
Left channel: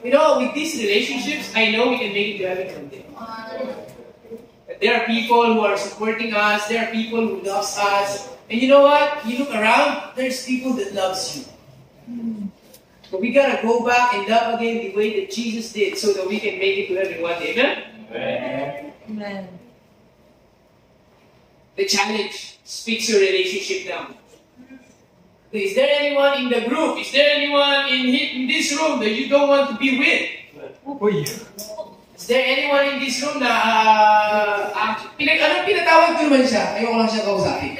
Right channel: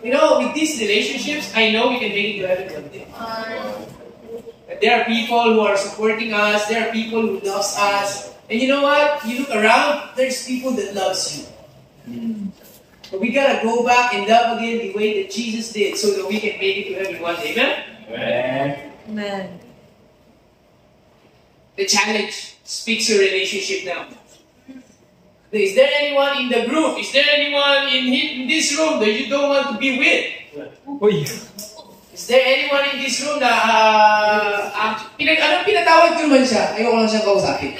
You know, with these relationships, I know we can make it to heaven one day. There are people who are supporting us. There are people who loves us. And you know what? You look around, there's people that loves you. But we gotta go back and love again the way that Jesus did so that we can make it to heaven one day. Amen? Amen. The challenge speaks your relationship now. Is there anyone in the group? Is there anyone in this room that you don't want to be with? Uy! Is there anyone in this room na pinatawag ko naman siya? Ayoko lang siyang kausapin.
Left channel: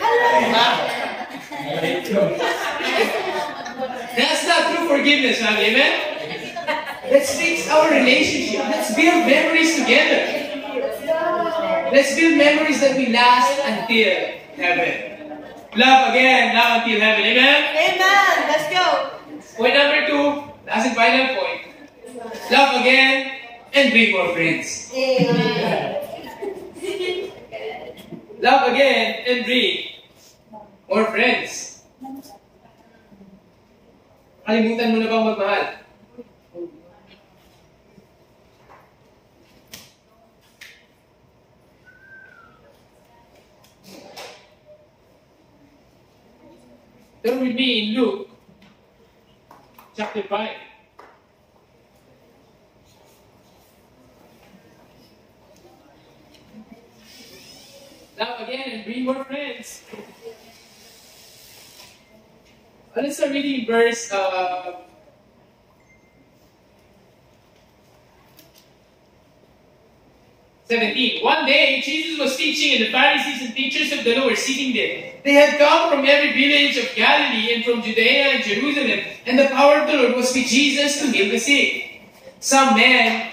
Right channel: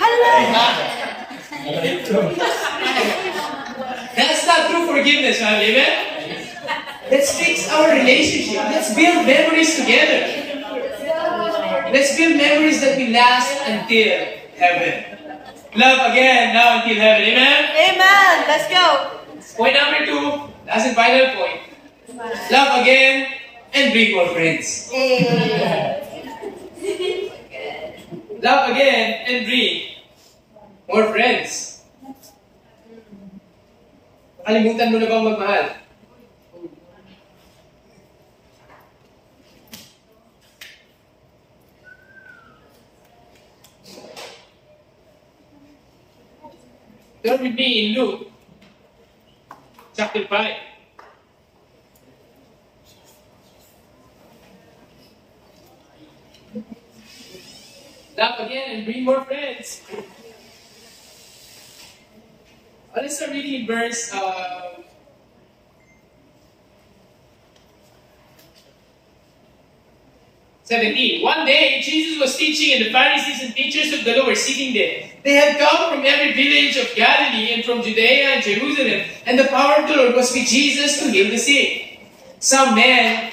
That's not true forgiveness, family. Amen? Let's fix our relationship. Let's build memories together. Let's build memories that will last until heaven. Love again, now until heaven. Amen? Amen. Let's go. Point number 2, last and final point. Love again and bring more friends. Amen. love again, and bring more friends. Kalimutan mo na bang magmahal? Turn with me in Luke chapter 5. Love again and bring more friends. Let's start reading verse 17. One day, Jesus was teaching, and the Pharisees and teachers of the law were sitting there. They had come from every village of Galilee and from Judea and Jerusalem, and the power of the Lord was with Jesus to heal the sick. Some men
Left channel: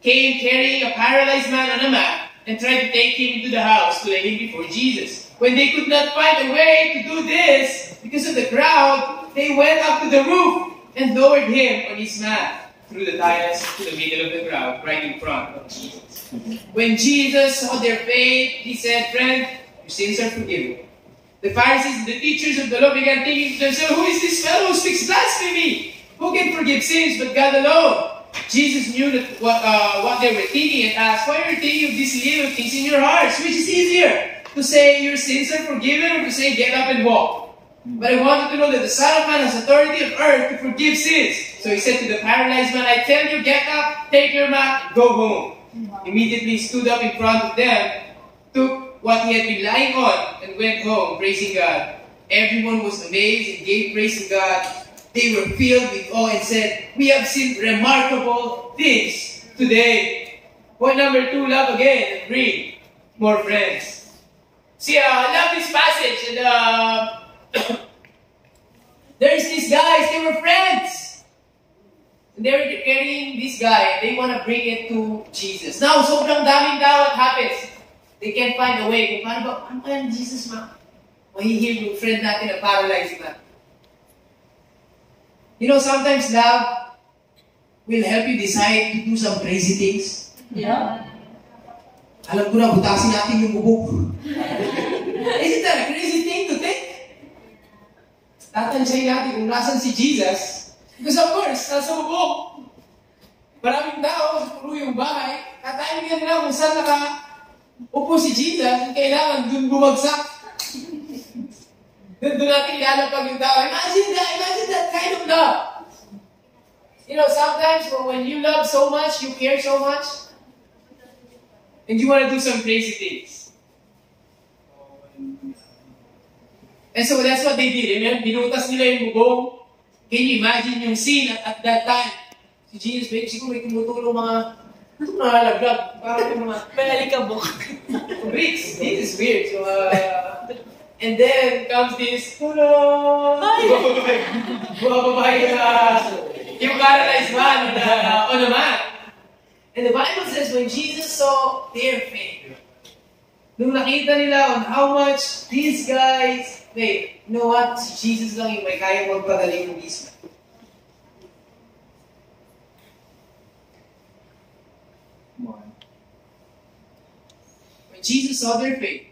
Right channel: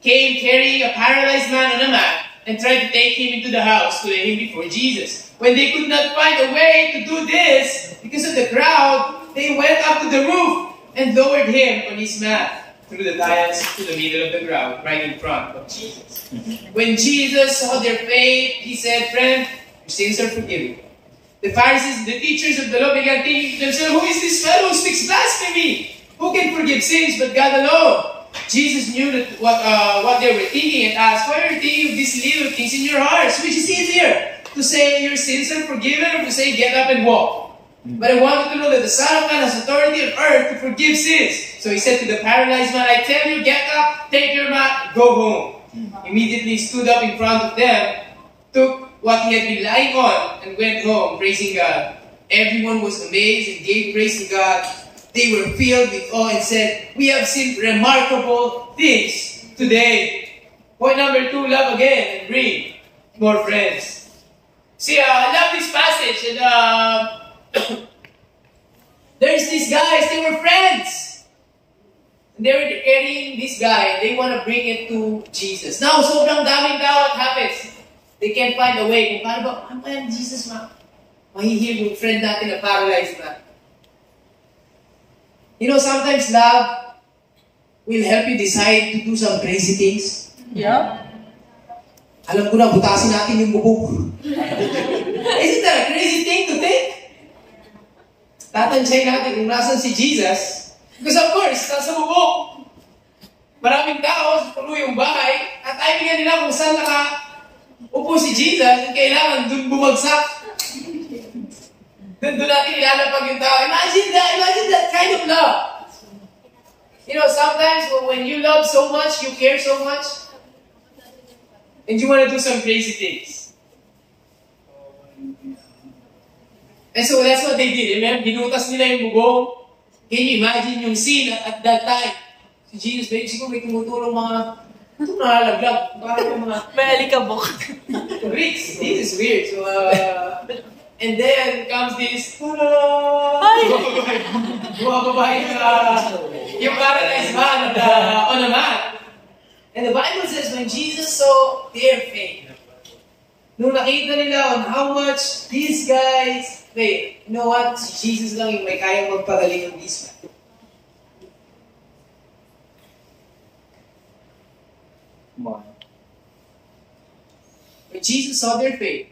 came carrying a paralyzed man on a mat and tried to take him into the house to lay him before Jesus. When they could not find a way to do this because of the crowd, they went up to the roof and lowered him on his mat through the tiles to the middle of the crowd, right in front of Jesus. When Jesus saw their faith, he said, "Friend, your sins are forgiven." The Pharisees and the teachers of the law began thinking to themselves, "Who is this fellow who speaks blasphemy? Who can forgive sins but God alone?" Jesus knew that what they were thinking and asked, "Why are you thinking of these little things in your hearts? Which is easier, to say your sins are forgiven or to say get up and walk?" But I want you to know that the Son of Man has authority on earth to forgive sins. So he said to the paralyzed man, "I tell you, get up, take your mat, go home." Immediately he stood up in front of them, took what he had been lying on, and went home, praising God. Everyone was amazed and gave praise to God. They were filled with awe and said, "We have seen remarkable things today." Point number 2, love again and bring more friends. See, I love this passage, and there's these guys, they were friends. They were carrying this guy, they want to bring it to Jesus. Now, sobrang daming tao, what happens? They can't find a way. Kung paano kaya Jesus mahihil yung friend natin na paralyzed na? You know, sometimes love will help you decide to do some crazy things. Yeah. Alam ko na, butasin natin yung bubuk. Isn't that a crazy thing to think? Tatansyahin natin kung nasan si Jesus. Because of course, nasa bubuk. Maraming tao, puno yung bahay. Tatimingan nila kung saan upo si Jesus, and kailangan dun bumagsak. Doon natin ilalapag yung tao. Imagine that kind of love. You know, sometimes when you love so much, you care so much, and you want to do some crazy things. And so that's what they did. Remember, binutas nila yung bubong. Can you imagine yung scene at that time? Si Jesus, siguro may tumutulong mga nalalaglag. Parang yung mga May alikabok. Greeks. This is weird. So, and then comes this, bumababay yung paralyzed man on a mat. And the Bible says when Jesus saw their faith, nung nakita nila on how much these guys, wait, you know what? Si Jesus lang yung may kaya magpagaling ng this man. Come on. When Jesus saw their faith,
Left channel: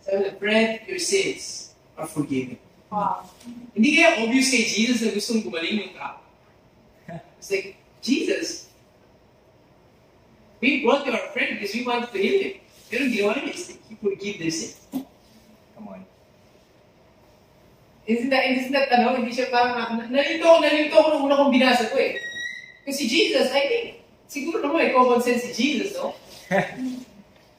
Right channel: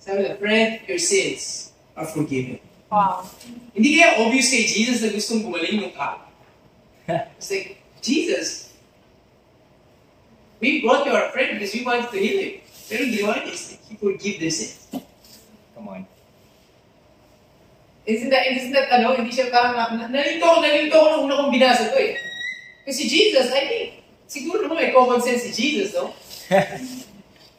sabi na, "Friend, your sins are forgiven." Wow. Hindi kaya obvious kay Jesus na gustong gumaling yung tao. It's like, Jesus, we brought you our friend because we wanted to heal him. Pero ginawa niya is he forgive their sins. Come on. Isn't that hindi siya parang, nalito ko nung una kong binasa to eh. Kasi Jesus, I think, siguro naman may common sense si Jesus, no?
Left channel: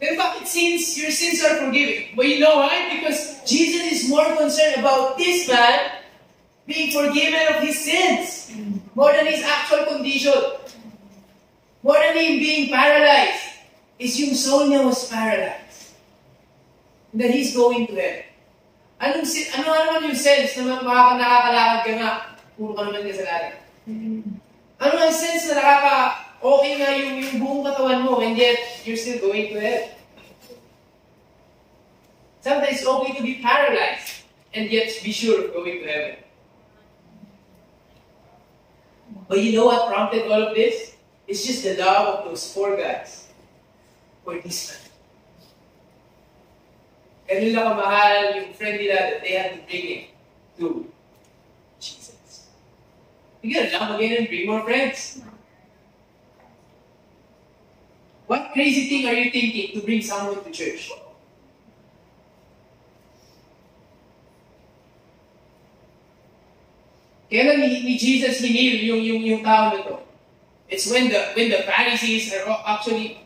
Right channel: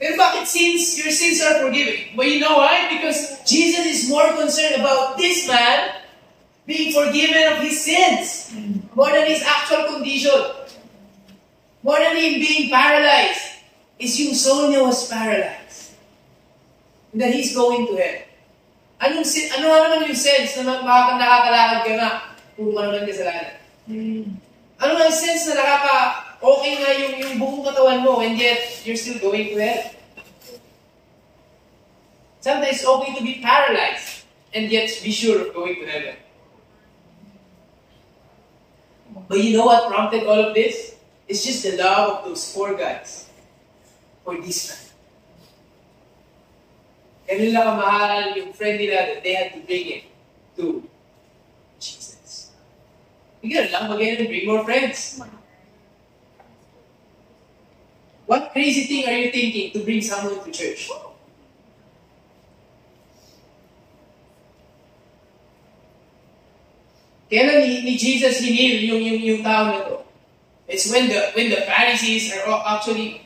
Pero bakit your sins are forgiven? But you know why? Because Jesus is more concerned about this man being forgiven of his sins more than his actual condition. More than him being paralyzed. Is yung soul niya was paralyzed. And that he's going to hell. Ano naman yung sense na nakakalakad ka nga, puro ka naman kasalanan? Ano ang sense na okay nga yung buong katawan mo and yet you're still going to hell? Sometimes it's okay to be paralyzed and yet be sure of going to heaven. But you know what prompted all of this? It's just the love of those 4 guys for this man. ganun lang kamahal yung friend nila that they had to bring it to Jesus. You gotta love again and bring more friends. What crazy thing are you thinking to bring someone to church? Kailan ni Jesus hinil yung tao na to? It's when the Pharisees are actually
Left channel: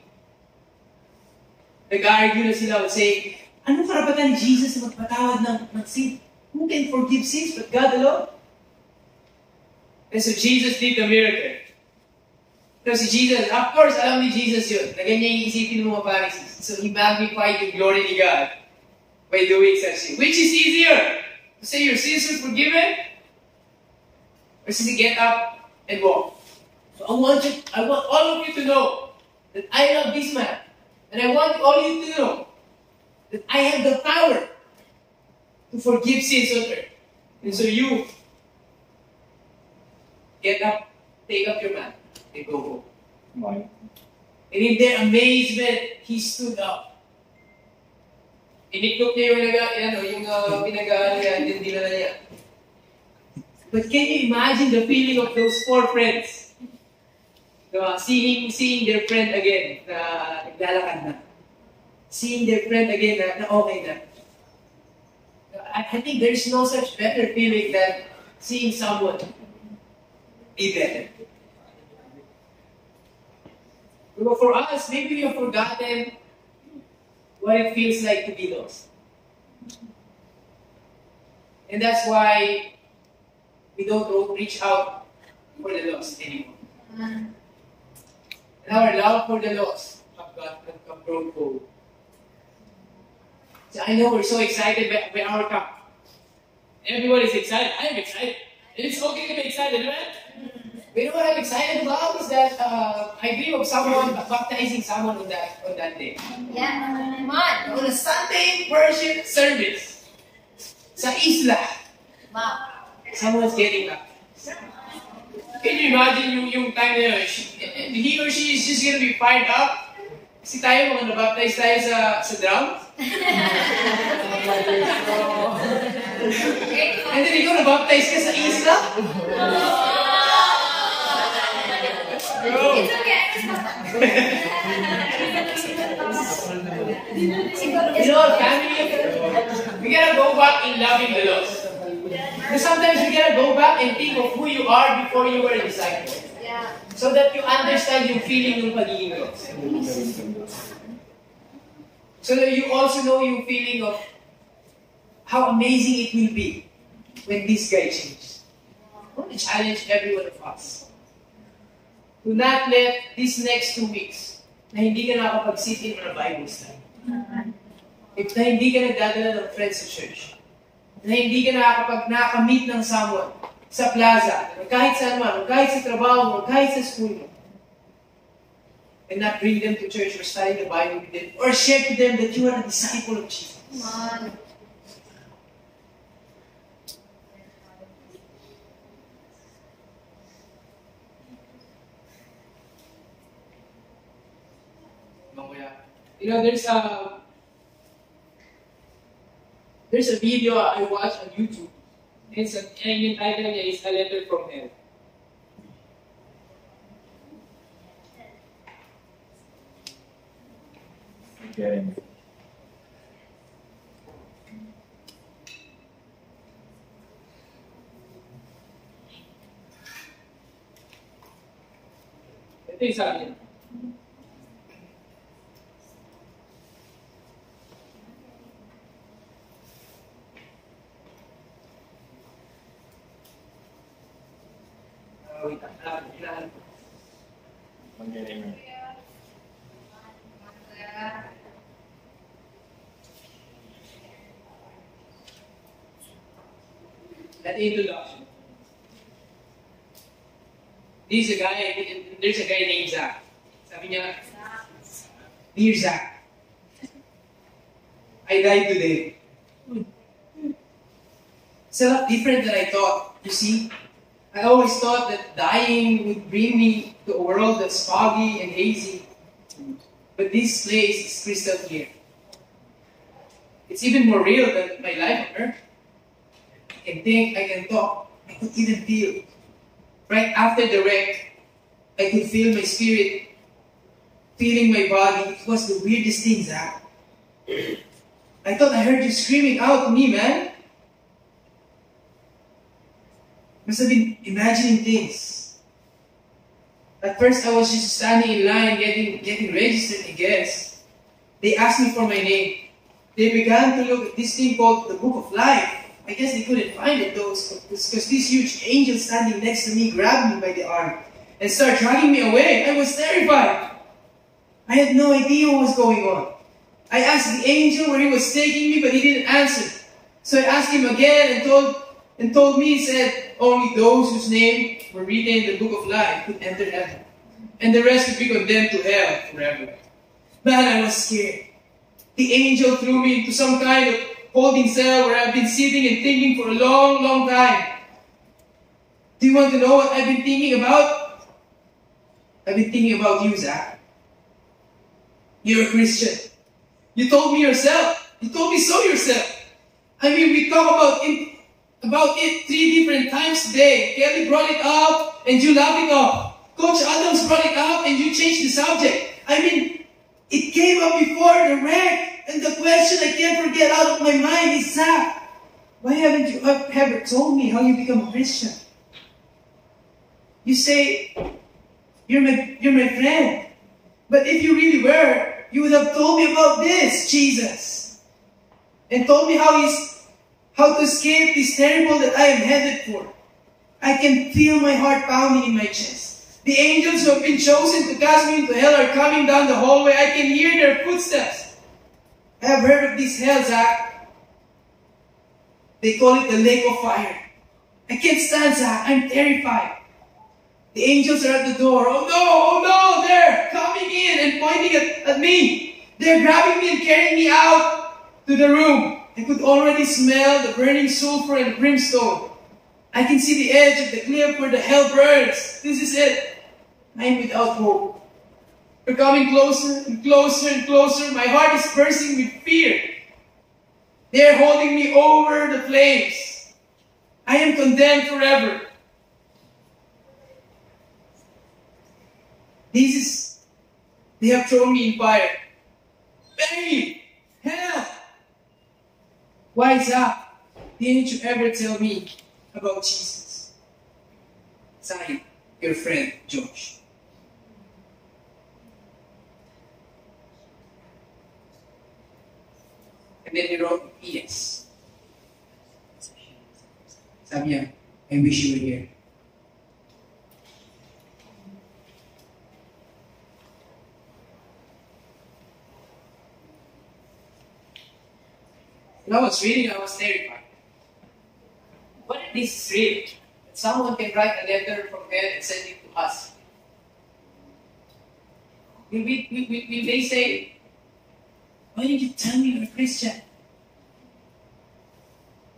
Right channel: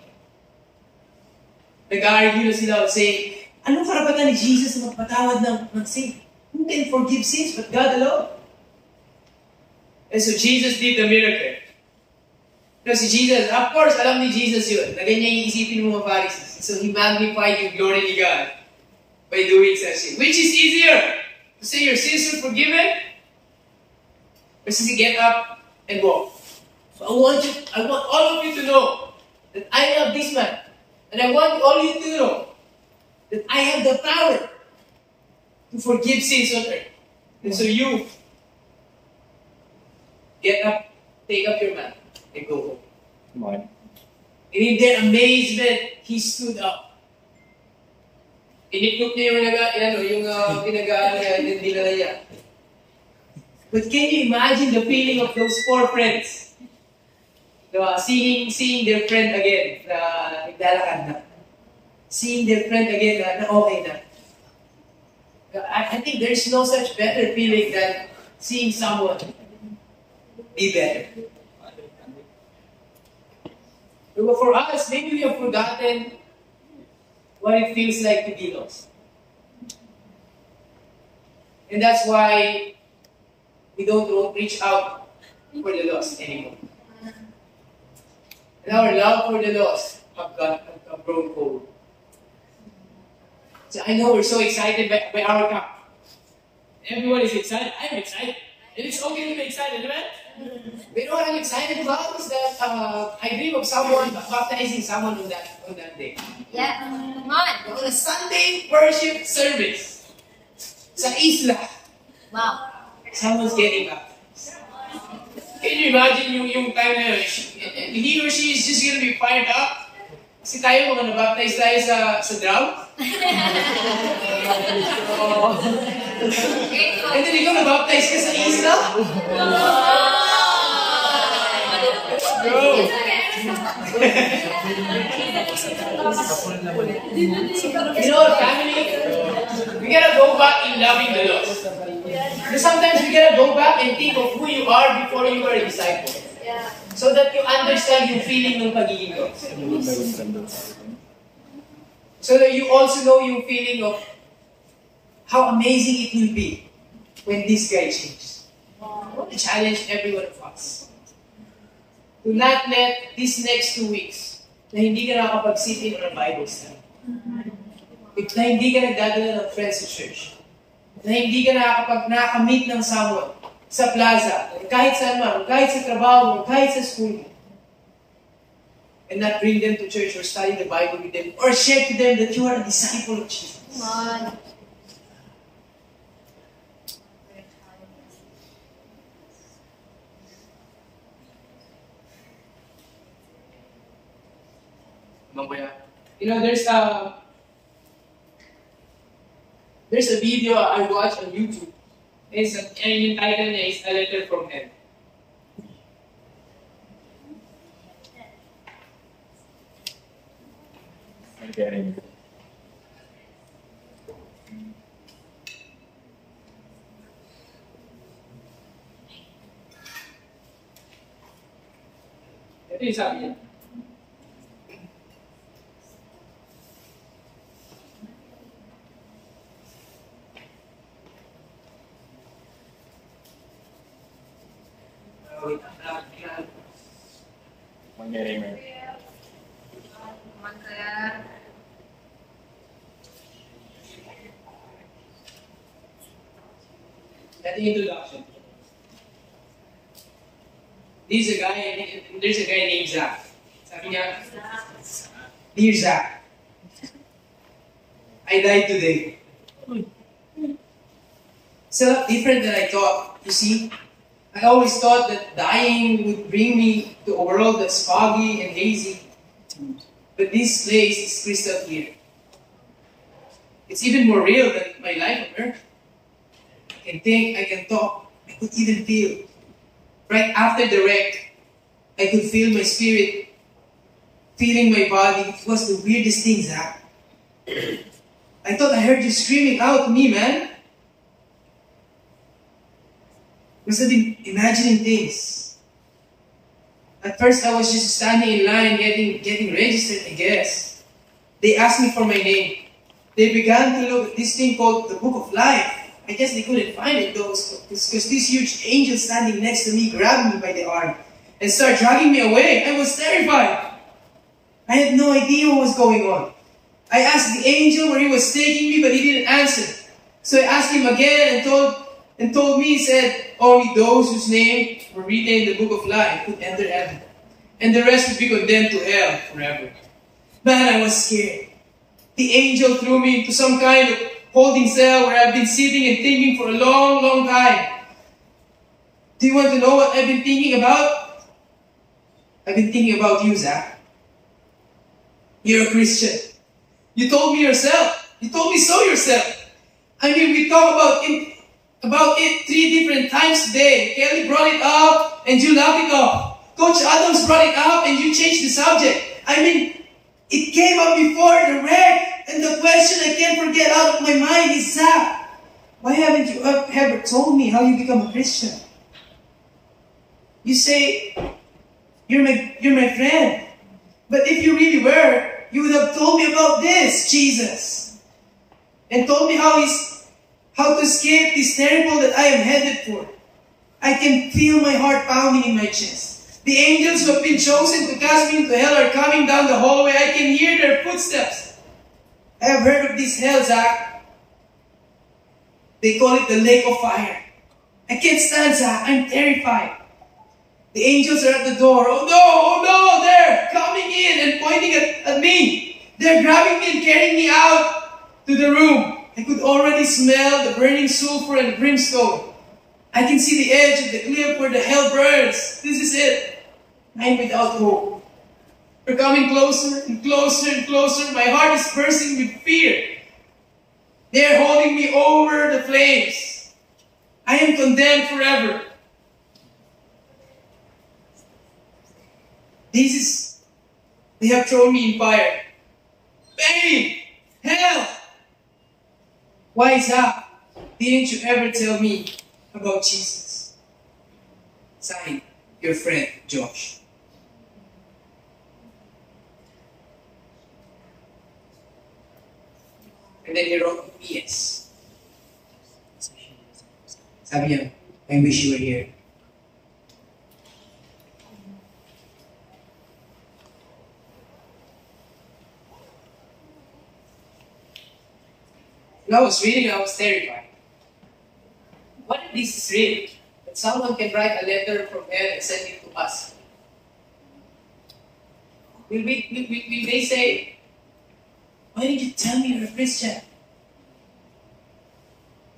nag-argue na sila saying, anong karapatan ni Jesus na magpatawad ng sin? Who can forgive sins but God alone? And so Jesus did the miracle. Kasi Jesus, of course, alam ni Jesus yun, na ganyan iisipin ng mga Pharisees. So He magnified yung glory ni God by doing such thing. Which is easier? To say your sins are forgiven? Or to get up and walk? So I want all of you to know that I love this man. And I want all of you to know that I have the power to forgive sins on earth. And so you get up, take up your mat, and go home. Come on. And in their amazement, he stood up. Iniklop niya yung pinag-aaral niya, and then dinala niya. But can you imagine the feeling of those 4 friends? Seeing their friend again na naglalakad na. Seeing their friend again na okay na. I think there's no such better feeling than seeing someone be better. But for us, maybe we have forgotten what it feels like to be lost. And that's why we don't reach out for the lost anymore. And our love for the lost have grown cold. So I know we're so excited by our camp. Everyone is excited. I am excited. And it's okay to be excited, right? But you know what I'm excited about is that I dream of someone baptizing someone on that day. Yeah. Come on. On a Sunday worship service sa isla. Wow. Someone's getting baptized. Can you imagine yung time na yun? He or she is just gonna be fired up. Kasi tayo, mga nabaptize tayo sa drum. And then ikaw nabaptize ka sa isla? It's okay. You know, family, we gotta go back in loving the lost. Because sometimes we gotta go back and think of who you are before you were a disciple. Yeah. So that you understand yung feeling ng pagiging lost. So that you also know yung feeling of how amazing it will be when this guy changes. I want to challenge every one of us to not let these next 2 weeks na hindi ka nakakapag-sit-in on a Bible study, na hindi ka nagdadala ng friends sa church, na hindi ka nakakamit ng someone sa plaza, kahit saan man, kahit sa trabaho mo, kahit sa school mo, and not bring them to church or study the Bible with them or share to them that you are a disciple of Jesus. Come on. You know, there's a video I watched on YouTube. And yung title niya is A Letter from Hell. I'm getting it. Ito yung sabi niya. Wait, I'm getting it. That introduction. There's a guy named Zach. Sabi niya, Dear Zach, I died today. So different than I thought, you see. I always thought that dying would bring me to a world that's foggy and hazy. But this place is crystal clear. It's even more real than my life on earth. I can think, I can talk, I could even feel. Right after the wreck, I could feel my spirit feeling my body. It was the weirdest thing, Zach. I thought I heard you screaming out to me, man. Must have been imagining things. At first, I was just standing in line getting registered, I guess. They asked me for my name. They began to look at this thing called the Book of Life. I guess they couldn't find it though, because this huge angel standing next to me grabbed me by the arm and started dragging me away. I was terrified. I had no idea what was going on. I asked the angel where he was taking me, but he didn't answer. So I asked him again and told me, he said, only those whose names were written in the Book of Life could enter heaven, and the rest would be condemned to hell forever. Man, I was scared. The angel threw me into some kind of holding cell where I've been sitting and thinking for a long, long time. Do you want to know what I've been thinking about? I've been thinking about you, Zach. You're a Christian. You told me yourself. You told me so yourself. I mean, we talk about it 3 different times today. Kelly brought it up and you laughed it off. Coach Adams brought it up and you changed the subject. I mean, it came up before the wreck. And the question I can't forget out of my mind is, Zach, why haven't you ever told me how you become a Christian? You say, you're my friend. But if you really were, you would have told me about this, Jesus. And told me how to escape this terrible that I am headed for. I can feel my heart pounding in my chest. The angels who have been chosen to cast me into hell are coming down the hallway. I can hear their footsteps. I have heard of this hell, Zach. They call it the lake of fire. I can't stand, Zach. I'm terrified. The angels are at the door. Oh no, they're coming in and pointing at me. They're grabbing me and carrying me out to the room. I could already smell the burning sulfur and brimstone. I can see the edge of the cliff where the hell burns. This is it. I am without hope. We're coming closer and closer and closer. My heart is bursting with fear. They're holding me over the flames. I am condemned forever. They have thrown me in fire. Pain! Hell! Why, Zach, didn't you ever tell me about Jesus? Signed, your friend, Josh. And then he wrote PS. Sabi niya, I wish you were here. When I was reading, I was terrified. What if this is real? That someone can write a letter from hell and send it to us? Will they say, why didn't you tell me you're a Christian?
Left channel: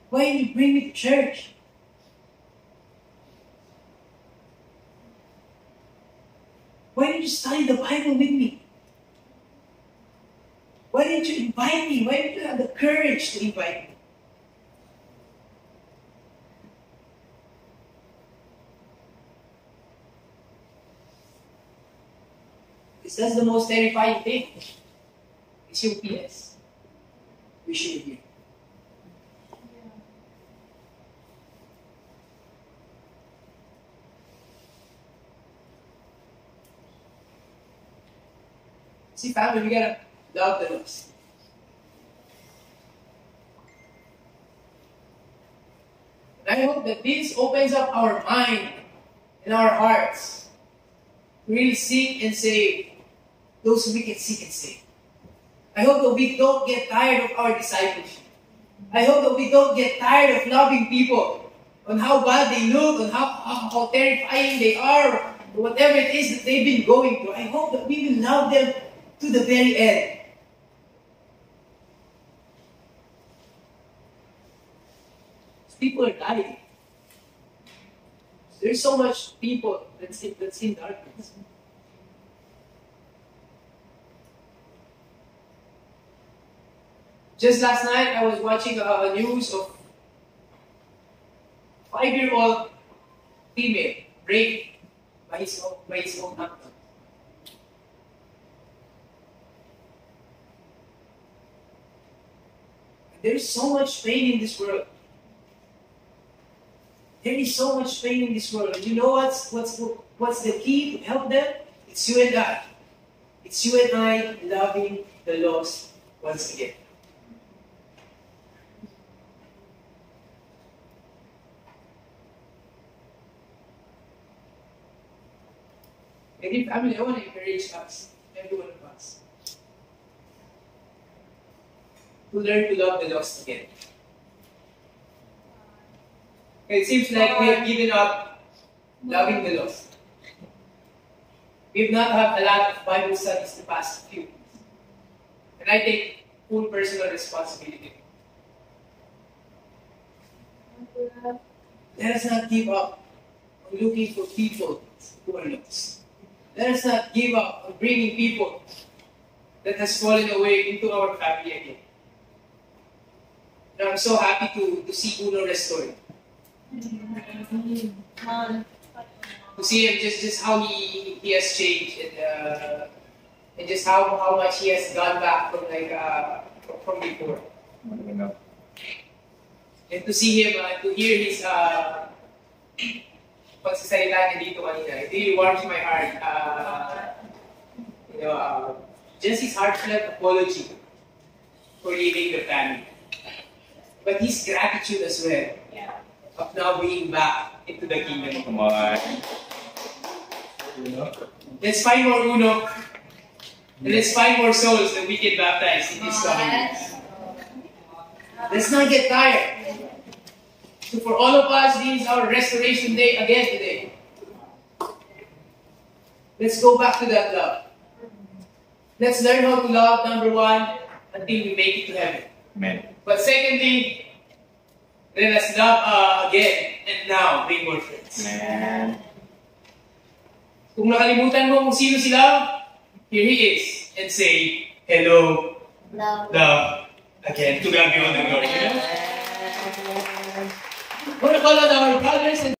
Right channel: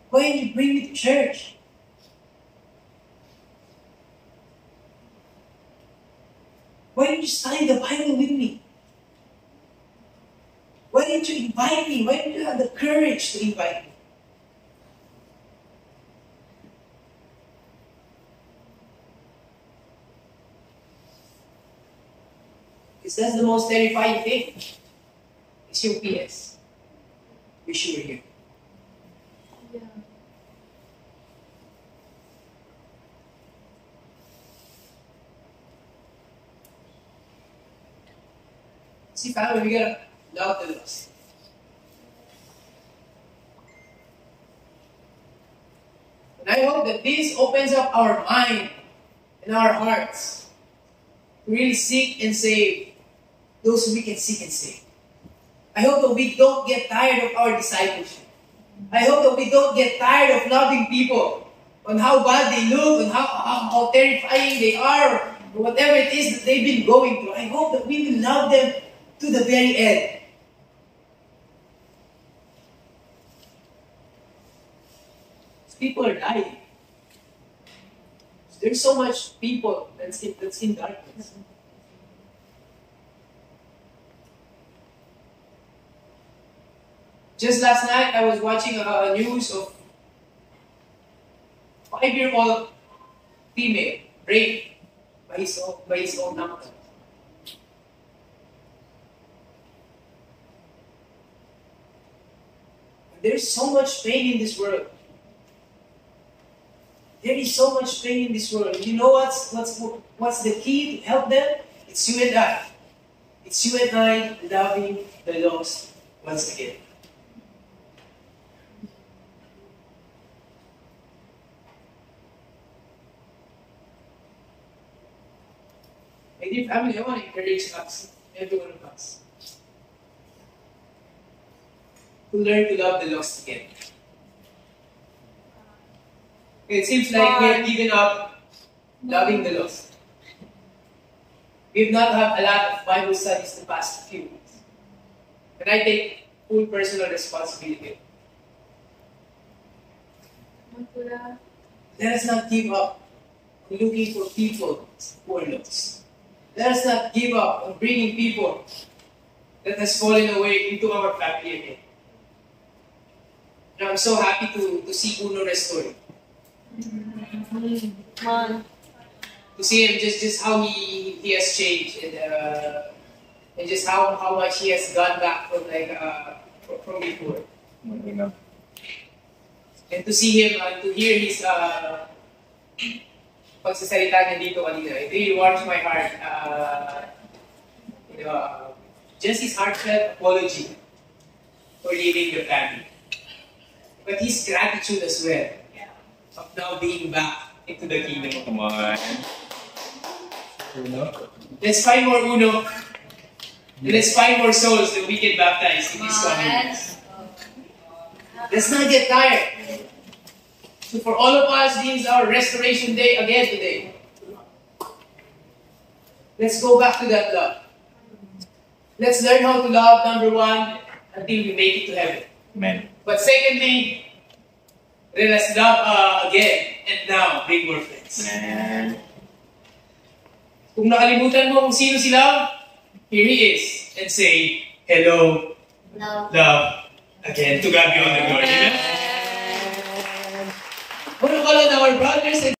Why didn't you bring me to church? Why didn't you study the Bible with me? Why didn't you invite me? Why didn't you have the courage to invite me? Because that's the most terrifying thing. It's your PS. Wish you were here. Yeah. See, family, we gotta love the lost. And I hope that this opens up our mind and our hearts to really seek and save those who we can seek and save. I hope that we don't get tired of our discipleship. I hope that we don't get tired of loving people on how bad they look, on how terrifying they are, or whatever it is that they've been going through. I hope that we will love them to the very end. People are dying. There's so much people that's in darkness. Just last night, I was watching a news of 5-year-old female raped by his own uncle. There's so much pain in this world. There is so much pain in this world. You know what's the key to help them? It's you and I. It's you and I loving the lost once again. And if, I want to encourage us, every one of us, to learn to love the lost again. It seems like we have given up loving the lost. We've not had a lot of Bible studies the past few weeks. And I take full personal responsibility. Let us not give up on looking for people who are lost. Let us not give up on bringing people that has fallen away into our family again. Now, I'm so happy to see Uno restored. To see him just how he has changed and just how much he has gone back from before. And to see him, to hear his pagsasalita niya dito kanina, it really warms my heart. Just his heartfelt apology for leaving the family. But his gratitude as well of now being back into the kingdom. Come on. Let's find more Uno. And let's find more souls that we can baptize in this coming years. Let's not get tired. So for all of us, this is our restoration day again today. Let's go back to that love. Let's learn how to love, number one, until we make it to heaven. Amen. But secondly, let us love again and now make more friends. Amen. Kung nakalimutan mo kung sino si Love, here he is. And say, hello, love, again. To God be all the glory. Amen. I want to call on our brothers and